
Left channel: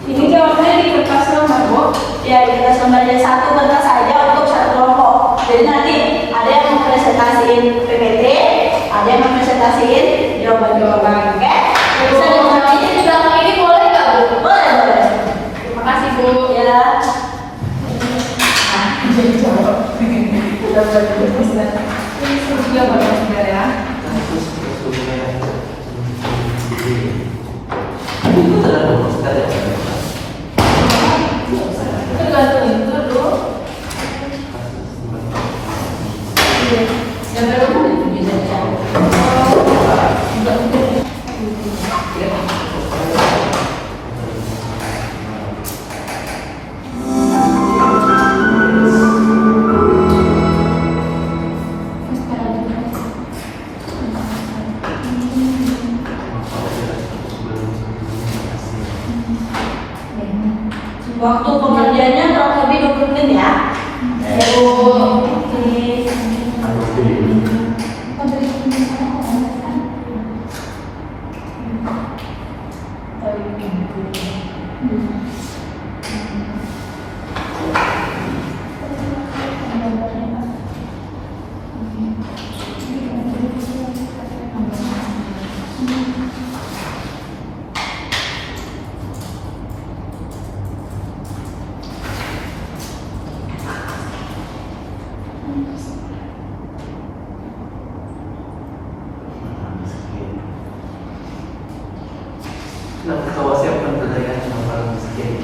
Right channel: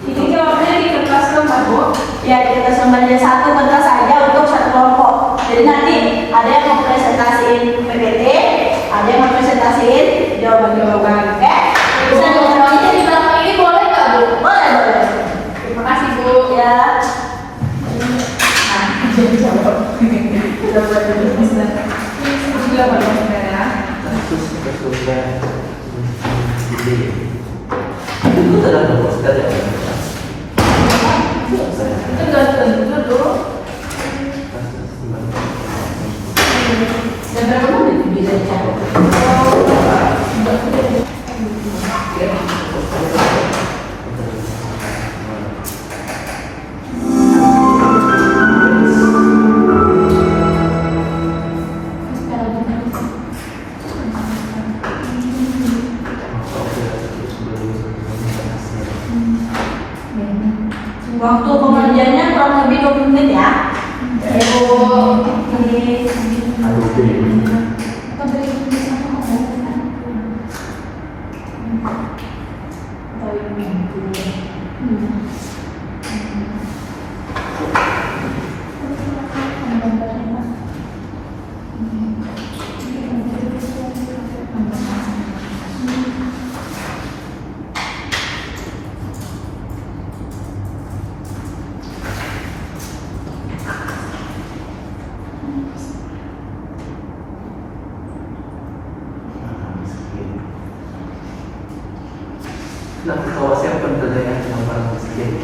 Ini jawabnya di kertas lembar Bu. Ya, kita lembarnya 1 kertas saja untuk 1 kelompok. Jadi nanti ada yang mempresentasiin PPT, ada yang mempresentasiin jawaban-jawaban. Oke? Bisa jawabnya di belakang ini boleh nggak Bu? Boleh, boleh. Terima kasih Bu. Ya. Udah boleh dulu Saudara. Ini jawaban Saudara ya. Kasus itu adalah proses dari Itu gantung dulu. Dan berapa menit bisa dicari? Waktu pengerjaannya kurang lebih 20 menit ya. Nah, ketawa siapa yang cuma barang miskin.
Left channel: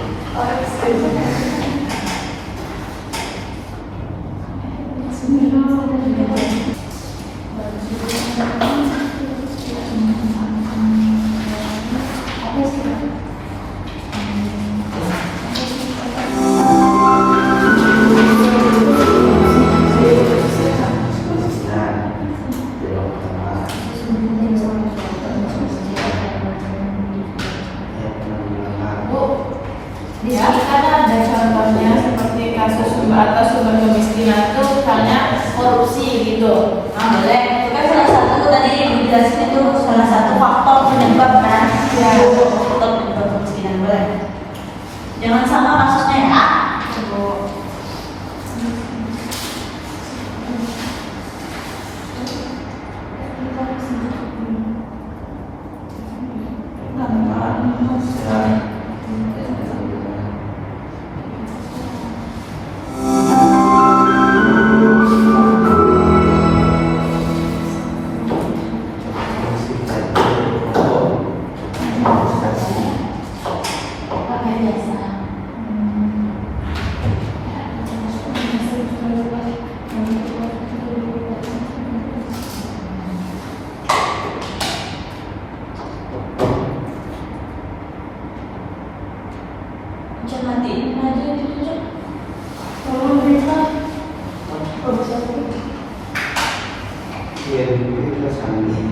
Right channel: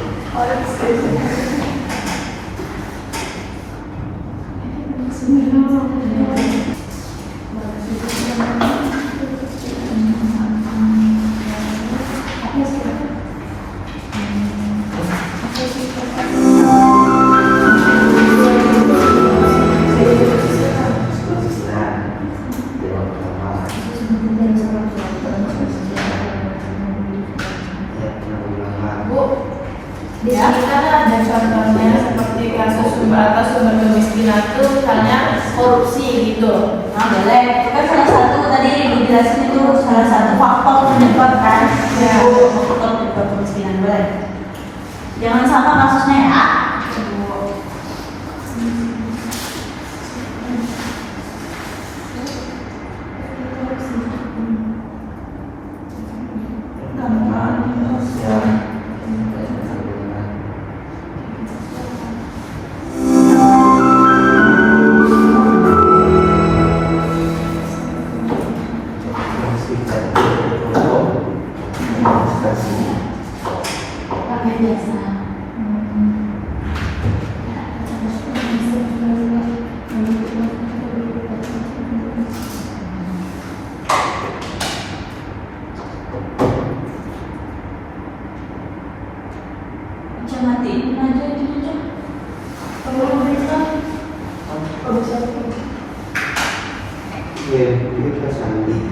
Di sini kan ada contohnya seperti kasus sumber atas sumber kemiskinan itu misalnya korupsi gitu. Nah, boleh. Kan salah satu tadi ibu jelasin itu salah satu faktor penyebab kan. Ya. Faktor penyebab kemiskinan, boleh. Jangan sama kasusnya ya. Pakai jasa. Dewi Rasandi.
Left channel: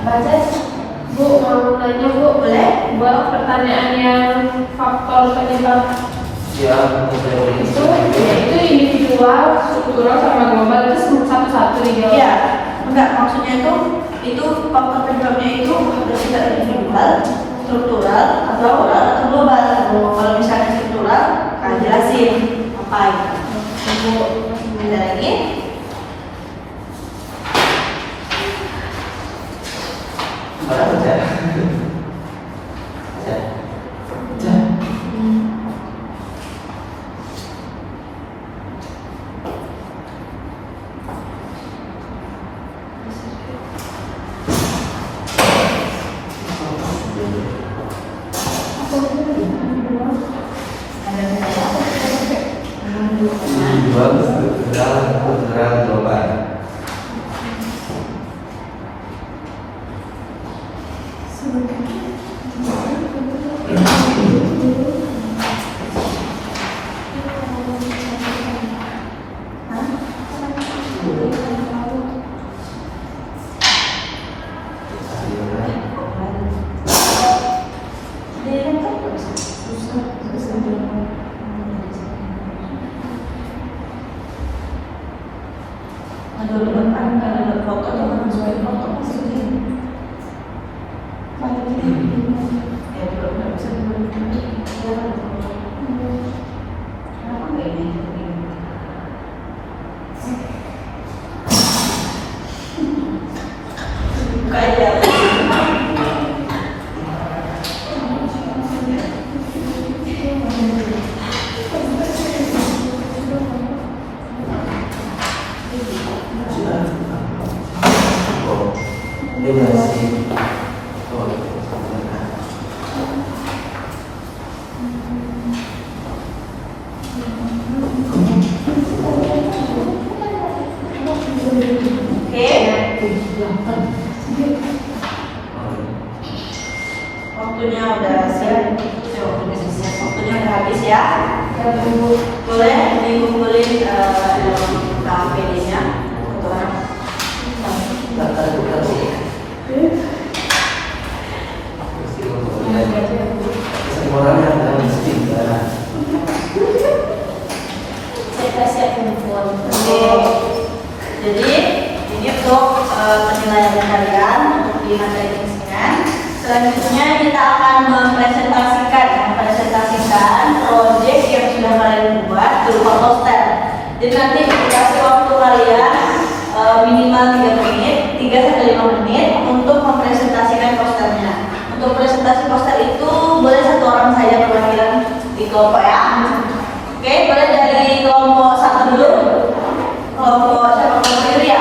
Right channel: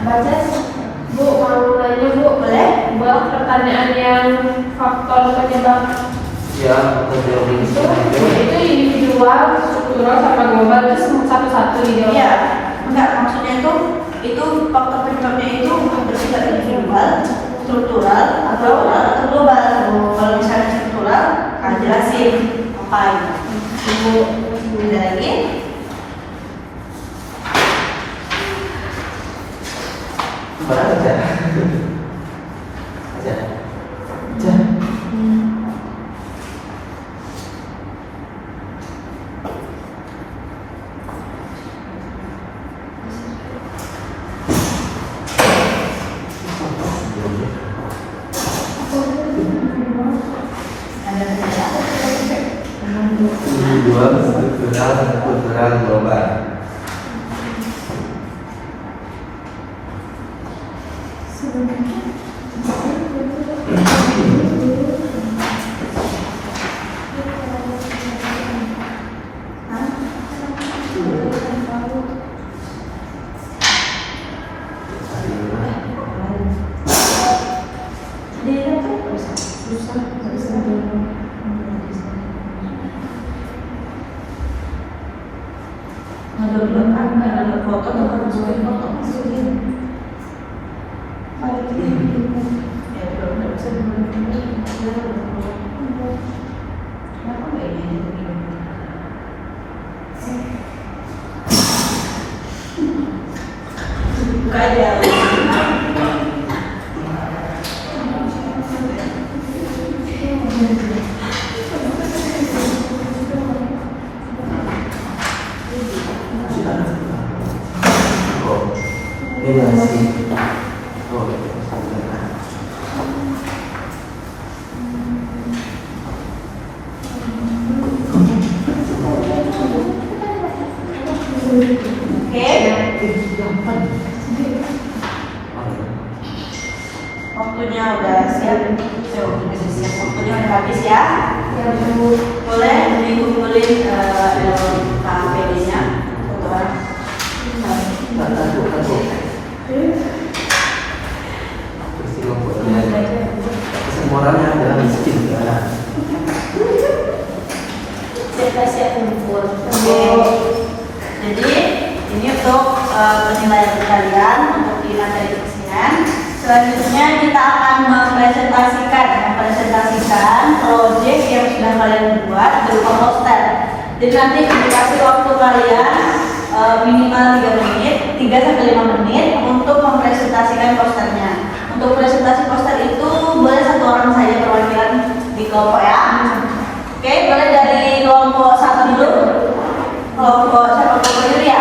Baca. Bu, mau nanya Bu, Boleh? buat pertanyaan yang faktor penyebab Ya, kita itu individual, struktural sama global itu satu-satu ini. Iya, enggak, maksudnya itu faktor penyebabnya itu bersifat individual, struktural, atau global. Kalau misalnya struktural, jelasin apa itu. Ada lagi? barang aja. Aja. Aja. Individual, struktural, global. Waktunya udah siap. Waktunya udah habis ya. Boleh dikumpulin KPD-nya satu orang. Semua orangnya adalah miskin sekarang. Saya kumpul. Oke. Jadi ini untuk penilaian kalian untuk di materi kemiskinan. Selanjutnya kita akan mempresentasikan proyek yang sudah kalian buat berupa poster. Jadi nanti dikasih waktu kalian minimal 3 menit, 3 sampai 5 menit untuk mempresentasikan posternya. Untuk presentasi poster itu boleh satu orang saja perwakilan di kelompok ya. Oke, boleh dari kelompok 1 dulu. Kelompok siapa? Kelompok Yuria.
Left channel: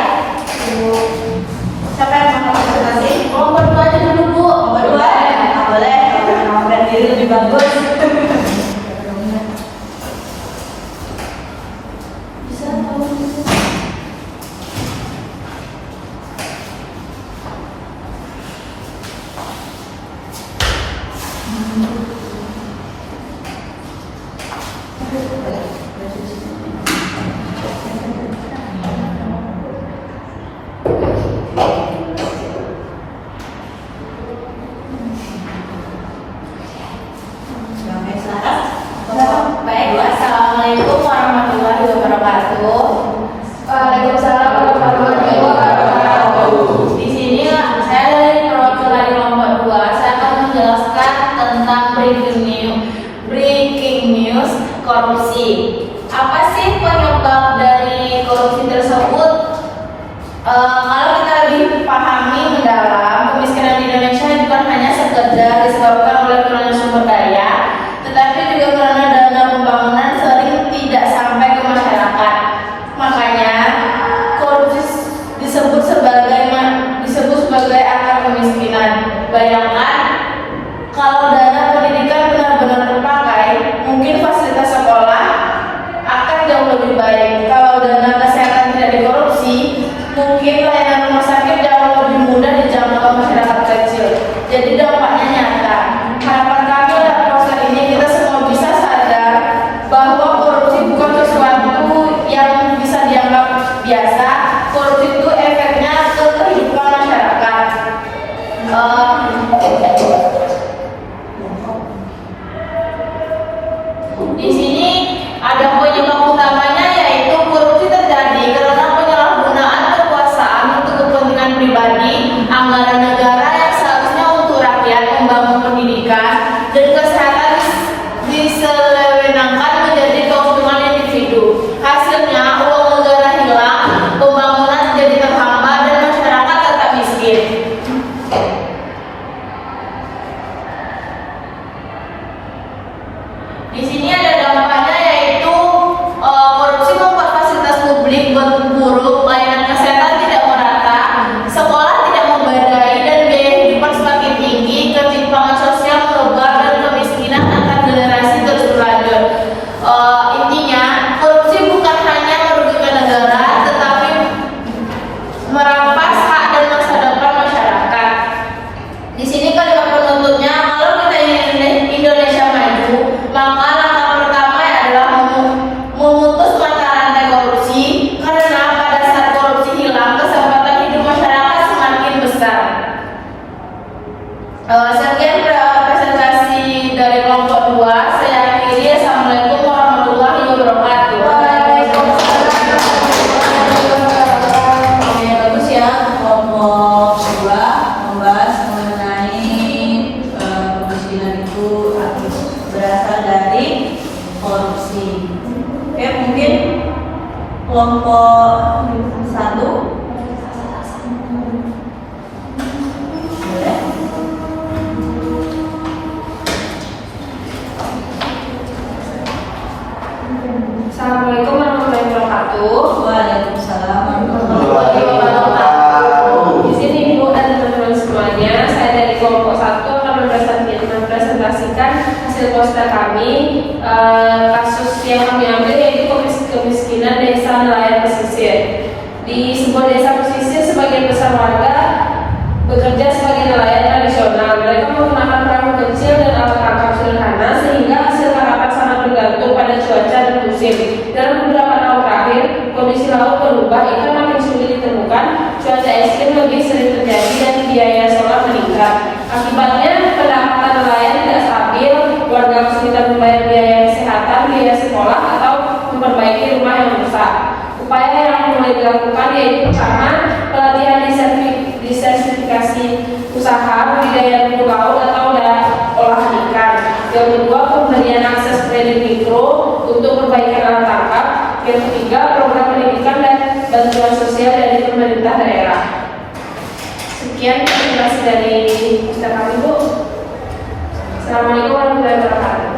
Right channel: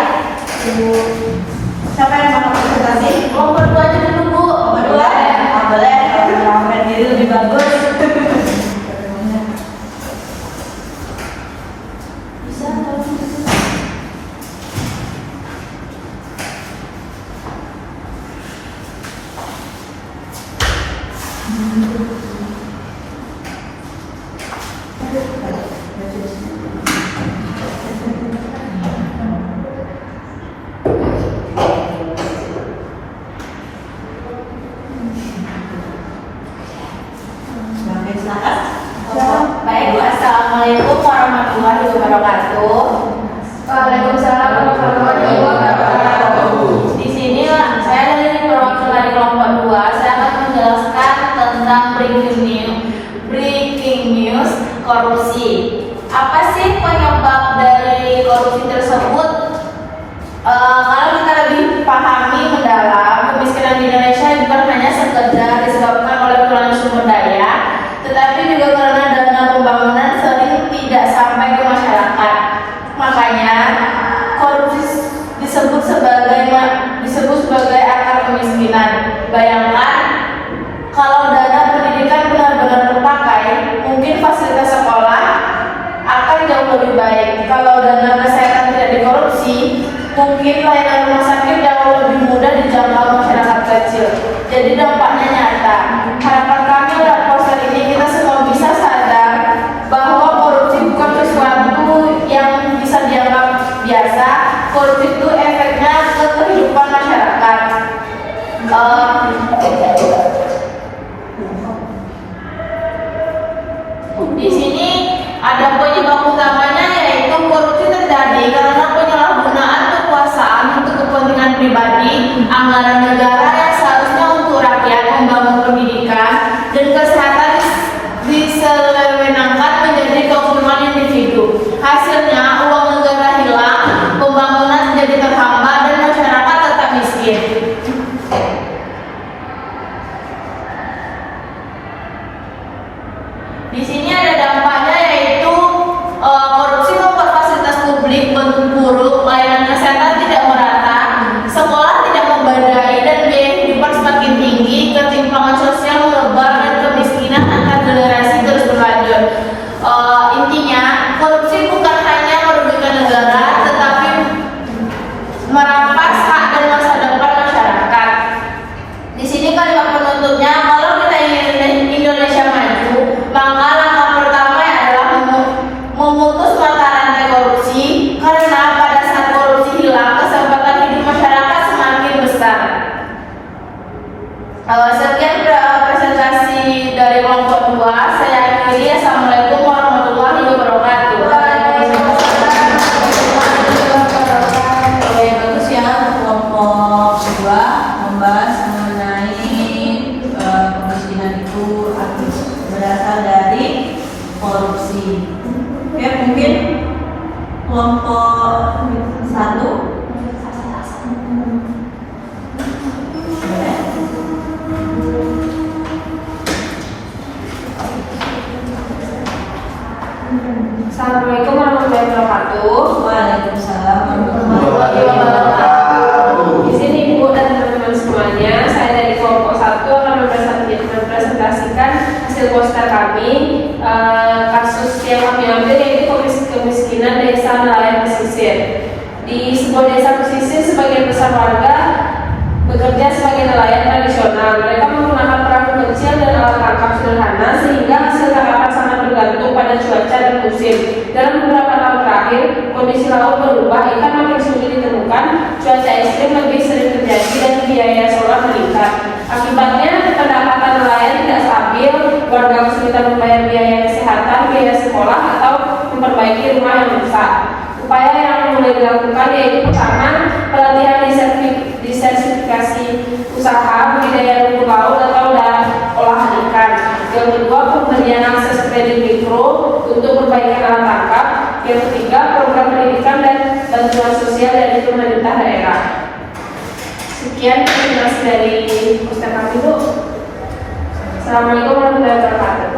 Siapa yang mau presentasi? Kelompok 2 aja dulu Bu. Kelompok 2? Nah, boleh. Kalau menamakan diri lebih bagus. Bisa kalau Baik, Assalamualaikum warahmatullahi wabarakatuh. Waalaikumsalam warahmatullahi wabarakatuh. Di sini saya dari perwakilan kelompok 2. Saya akan menjelaskan tentang breaking news korupsi. Apa sih penyebab dari korupsi tersebut? Kalau kita lebih pahami mendalam, kemiskinan di Indonesia bukan hanya sekedar disebabkan oleh kekurangan sumber daya, tetapi mungkin layanan rumah sakit jauh lebih mudah dijangkau masyarakat kecil. Jadi dampaknya nyata. Harapan kami dalam proses ini kita semua bisa sadar bahwa korupsi bukan sesuatu yang bisa dianggap biasa. Korupsi itu efeknya ke kehidupan masyarakat. Di sini ada penyebab utamanya, yaitu korupsi terjadi karena penyalahgunaan kekuasaan untuk kepentingan pribadi, anggaran negara yang seharusnya untuk rakyat membangun pendidikan dan kesehatan disewenangkan menjadi keuntungan individu. Hasilnya uang negara hilang, pembangunan menjadi terhambat dan masyarakat tetap miskin. Di sini ada dampaknya, yaitu korupsi membuat fasilitas publik bentuk buruk, layanan kesehatan tidak merata, sekolah tidak memadai, dan biaya hidup semakin tinggi, ketimpangan sosial melebar, dan kemiskinan antar generasi terus berlanjut. Intinya, korupsi bukan hanya merugikan negara, tetapi merampas hak dan masa depan masyarakat. Di sini kalimat penutupnya, kalau kita ingin Indonesia maju, maka langkah pertama adalah memutus mata rantai korupsi, karena pada saat korupsi hilang, kesempatan hidup masyarakat semakin besar. Sekian presentasi dari kelompok 2. Saya akhiri. Assalamualaikum warahmatullahi wabarakatuh. Oke, bagus ya. Kelompok 2 membahas mengenai kemiskinan itu berasal dari korupsi. Oke, mungkin kelompok 1. Assalamualaikum warahmatullahi wabarakatuh. Waalaikumsalam. Di sini Ibu dan teman-teman semuanya, saya dari kelompok 1 akan mempresentasikan hasil poster kami. Kasus yang kami ambil yaitu kemiskinan desa nelayan pesisir. Di sebuah desa pesisir, sebagian besar warga bekerja sebagai nelayan tradisional. Mereka menggunakan perahu kecil dan alat tangkap sederhana, sehingga hasil tangkapan sangat bergantung pada cuaca dan musim. Dalam beberapa tahun terakhir, kondisi laut berubah, ikan makin sulit ditemukan, cuaca ekstrim lebih sering terjadi, dan biaya sekolah meningkat. Akibatnya, pendapatan nelayan tidak stabil, warga kesulitan membayar biaya kesehatan, biaya sekolah, atau memperbaiki rumah yang rusak. Upaya yang mulai dilakukan yaitu pertama, pelatihan disertifikasi usaha budidaya rumput laut atau olahan ikan. Yang kedua, pemberian akses kredit mikro untuk perbaikan alat tangkap. Yang ketiga, program pendidikan dan bantuan sosial dari pemerintah daerah. Sekian presentasi dari Ustaz kami, Bu. Assalamualaikum warahmatullahi wabarakatuh.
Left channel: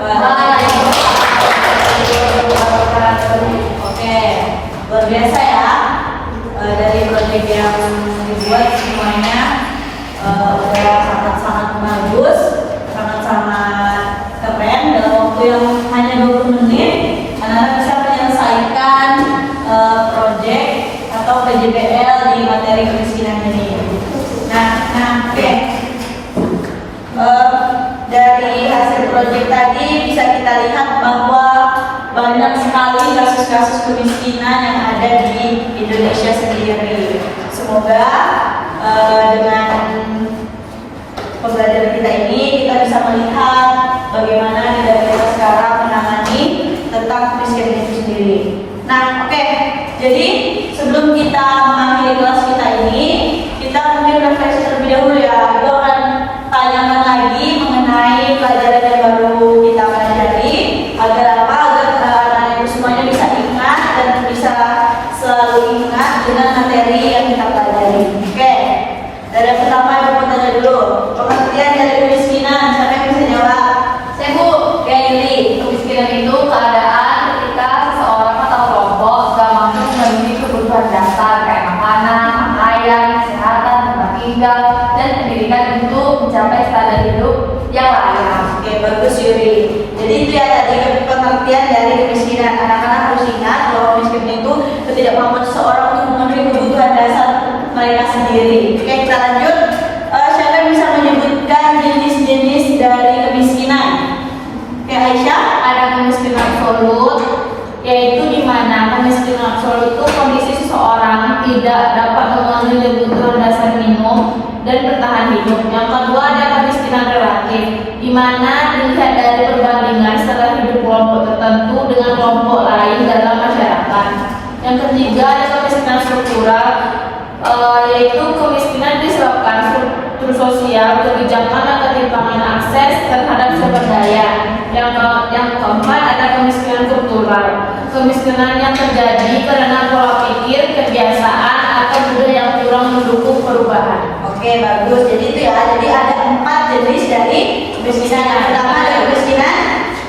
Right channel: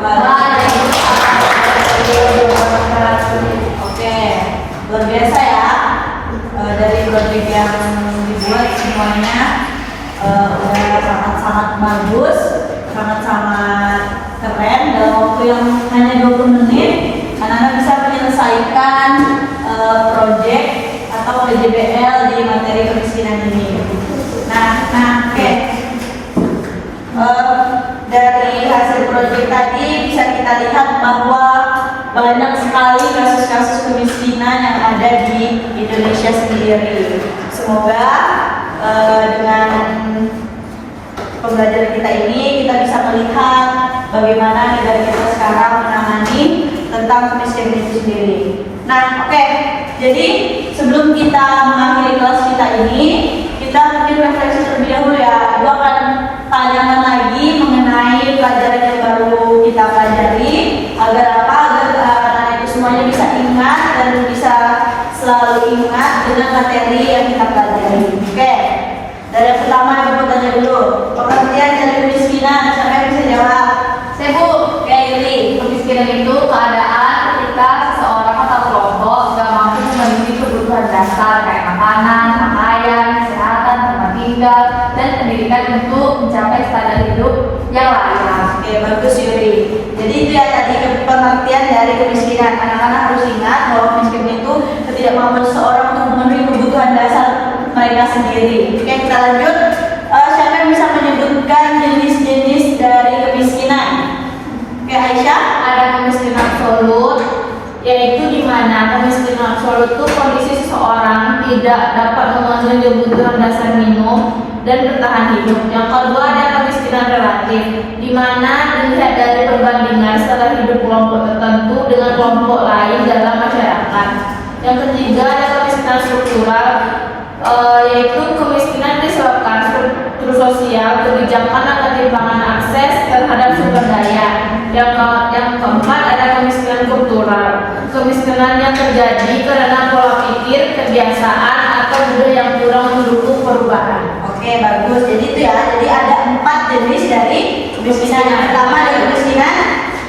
Oke, luar biasa ya. Dari proyek yang dibuat semuanya udah sangat-sangat bagus, sangat-sangat keren. Dalam waktu yang hanya 20 menit, anak-anak bisa menyelesaikan proyek atau PJBL di materi kemiskinan ini. Oke. Dari hasil proyek tadi bisa kita lihat bahwa banyak sekali kasus-kasus kemiskinan yang ada di Indonesia sendiri. Semoga dengan pembelajaran kita ini kita bisa melihat bagaimana negara kita sekarang menangani tentang kemiskinan itu sendiri. Oke. Jadi sebelum kita mengakhiri kelas kita ini, kita mungkin refleksi terlebih dahulu ya. Gue akan tanyakan lagi mengenai pelajaran yang baru kita pelajari, agar apa? Agar anak-anak itu semuanya bisa ingat dan bisa selalu ingat dengan materi yang kita pelajari. Oke. Dari yang pertama yang mau tanya dulu, pengertian dari kemiskinan, siapa yang bisa jawab? Saya, Bu. Oke, Yuli. Kemiskinan itu keadaan ketika seseorang atau kelompok gak mampu memenuhi kebutuhan dasar kayak makanan, pakaian, kesehatan, tempat tinggal, dan pendidikan untuk mencapai standar hidup yang layak. Oke, bagus Yuri. Jadi itu ya tadi pengertian dari kemiskinan. Anak-anak harus ingat bahwa kemiskinan itu ketidakmampuan seseorang untuk memenuhi kebutuhan dasar mereka sendiri. Oke, kita lanjut. Siapa yang bisa menyebutkan jenis-jenis dari kemiskinan? Oke, Aisyah. Ada kemiskinan absolut, yaitu di mana kemiskinan absolut itu kondisi seseorang tidak dapat memenuhi kebutuhan dasar minum dan bertahan hidup. Yang kedua ada kemiskinan relatif, di mana dilihat dari perbandingan setelah hidup kelompok tertentu dengan kelompok lain dalam masyarakat. Yang ketiga ada kemiskinan struktural, yaitu kemiskinan disebabkan struktur sosial, kebijakan dan ketimpangan akses terhadap sumber daya. Yang keempat ada kemiskinan kultural, kemiskinan yang terjadi karena pola pikir, kebiasaan atau budaya yang kurang mendukung perubahan. Oke, bagus. Jadi itu ya. Jadi ada 4 jenis dari kemiskinan. Yang pertama ada kemiskinan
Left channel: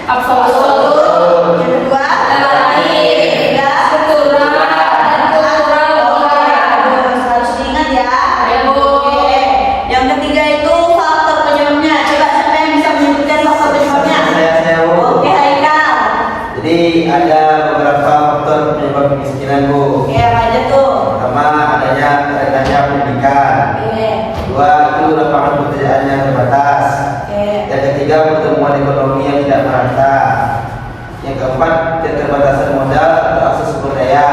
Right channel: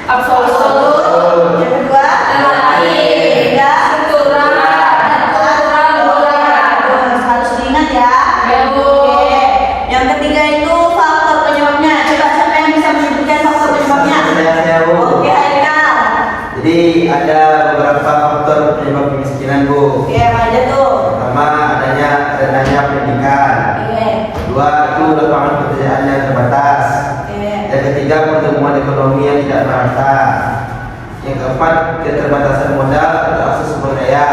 Absolut, yang kedua relatif, ketiga struktural, dan kultural juga. harus diingat ya. Ya, Bu. Oke. Yang ketiga itu faktor penyebabnya. Coba siapa yang bisa menyebutkan faktor penyebabnya? Saya, Bu. Oke, Haikal. Jadi ada beberapa faktor penyebab kemiskinan, Bu. Oke, apa aja tuh? Pertama adanya rendahnya pendidikan. Oke. Kedua itu lapangan pekerjaan yang terbatas. Oke. Yang ketiga pertumbuhan ekonomi yang tidak merata. Yang keempat keterbatasan modal atau akses sumber daya.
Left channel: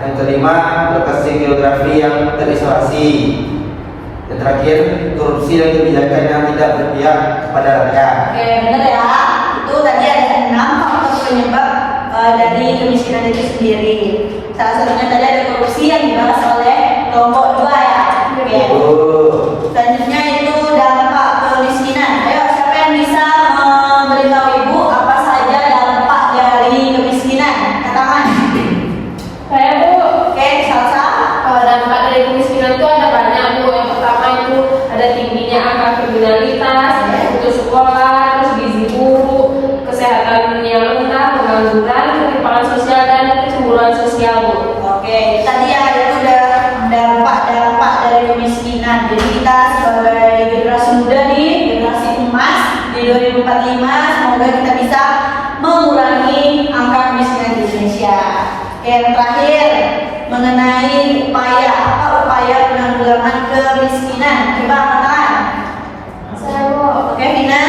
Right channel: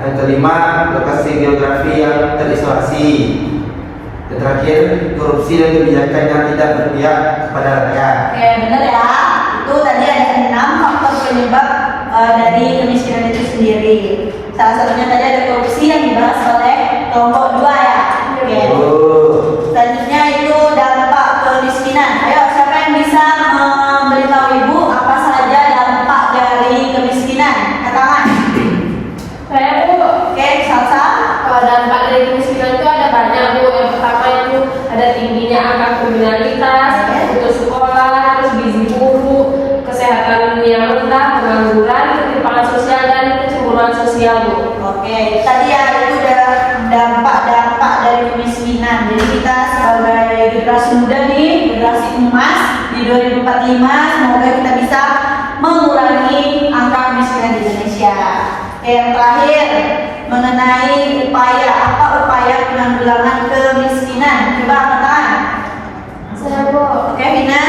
Yang kelima lokasi geografi yang terisolasi. Dan terakhir korupsi dan kebijakan yang tidak berpihak kepada rakyat. Oke, benar ya. Itu tadi ada 6 faktor penyebab dari kemiskinan itu sendiri. Salah satunya tadi ada korupsi yang dibahas oleh kelompok 2 ya. Oke. Selanjutnya itu dampak kemiskinan. Ayo, siapa yang bisa memberitahu ibu apa saja dampak dari kemiskinan? Angkat tangan. Saya, Bu. Oke, Salsa. Kalau dampak dari kemiskinan itu ada banyak, Bu. Yang pertama itu ada tingginya angka kriminalitas, putus sekolah, terus gizi buruk, kesehatan yang rendah, pengangguran, ketimpangan sosial dan kecemburuan sosial, Bu. Oke, tadi ya itu udah dampak-dampak dari kemiskinan. Jadi kita sebagai generasi muda nih, generasi emas di 2045, semoga kita bisa mengurangi angka kemiskinan di Indonesia. Yang terakhir mengenai apa upaya penanggulangan kemiskinan. Coba angkat tangan. Saya, Bu. Oke, Vina.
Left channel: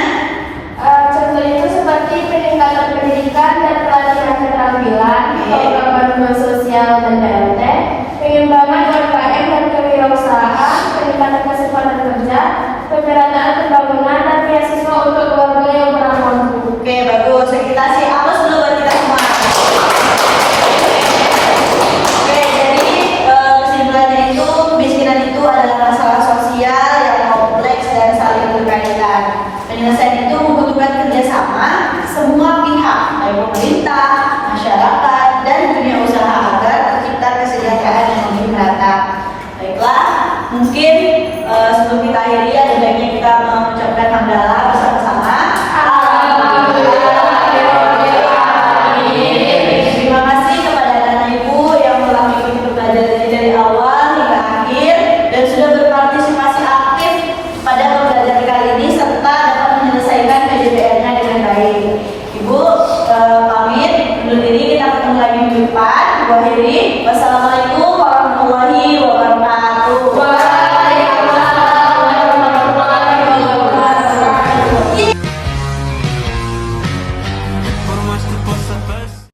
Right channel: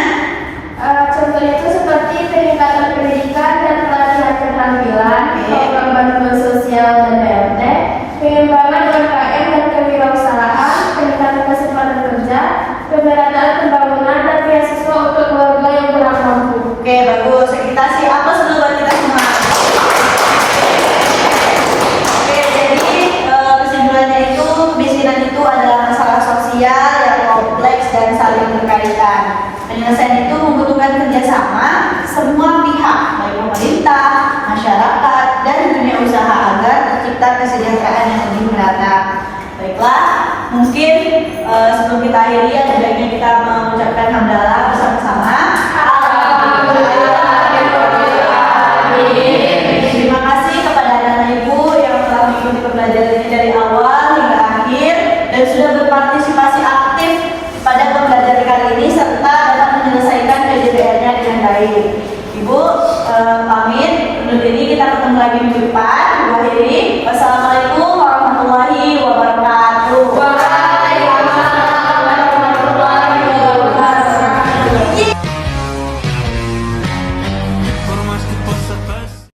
Contohnya itu seperti peningkatan pendidikan dan pelatihan keterampilan, program bantuan sosial dan BLT, pengembangan UMKM dan kewirausahaan, peningkatan kesempatan kerja, pemerataan pembangunan dan beasiswa untuk keluarga yang kurang mampu. Oke, bagus. Kita sih aplaus dulu buat kita semua. Oke, jadi kesimpulannya itu kemiskinan itu adalah masalah sosial yang kompleks dan saling berkaitan. Penyelesaian itu membutuhkan kerjasama semua pihak, baik pemerintah, masyarakat, dan dunia usaha agar tercipta kesejahteraan yang lebih merata. Baiklah, mungkin sebelum kita akhiri ada baiknya kita mengucapkan hamdalah bersama-sama. Terima kasih kepada anak ibu yang telah mengikuti pembelajaran ini dari awal hingga akhir dan sudah berpartisipasi aktif pada pembelajaran kali ini serta dapat menyelesaikan PJBL-nya dengan baik. Ibu pamit undur diri, kita ketemu lagi minggu depan. Ibu akhiri. Wassalamualaikum warahmatullahi wabarakatuh.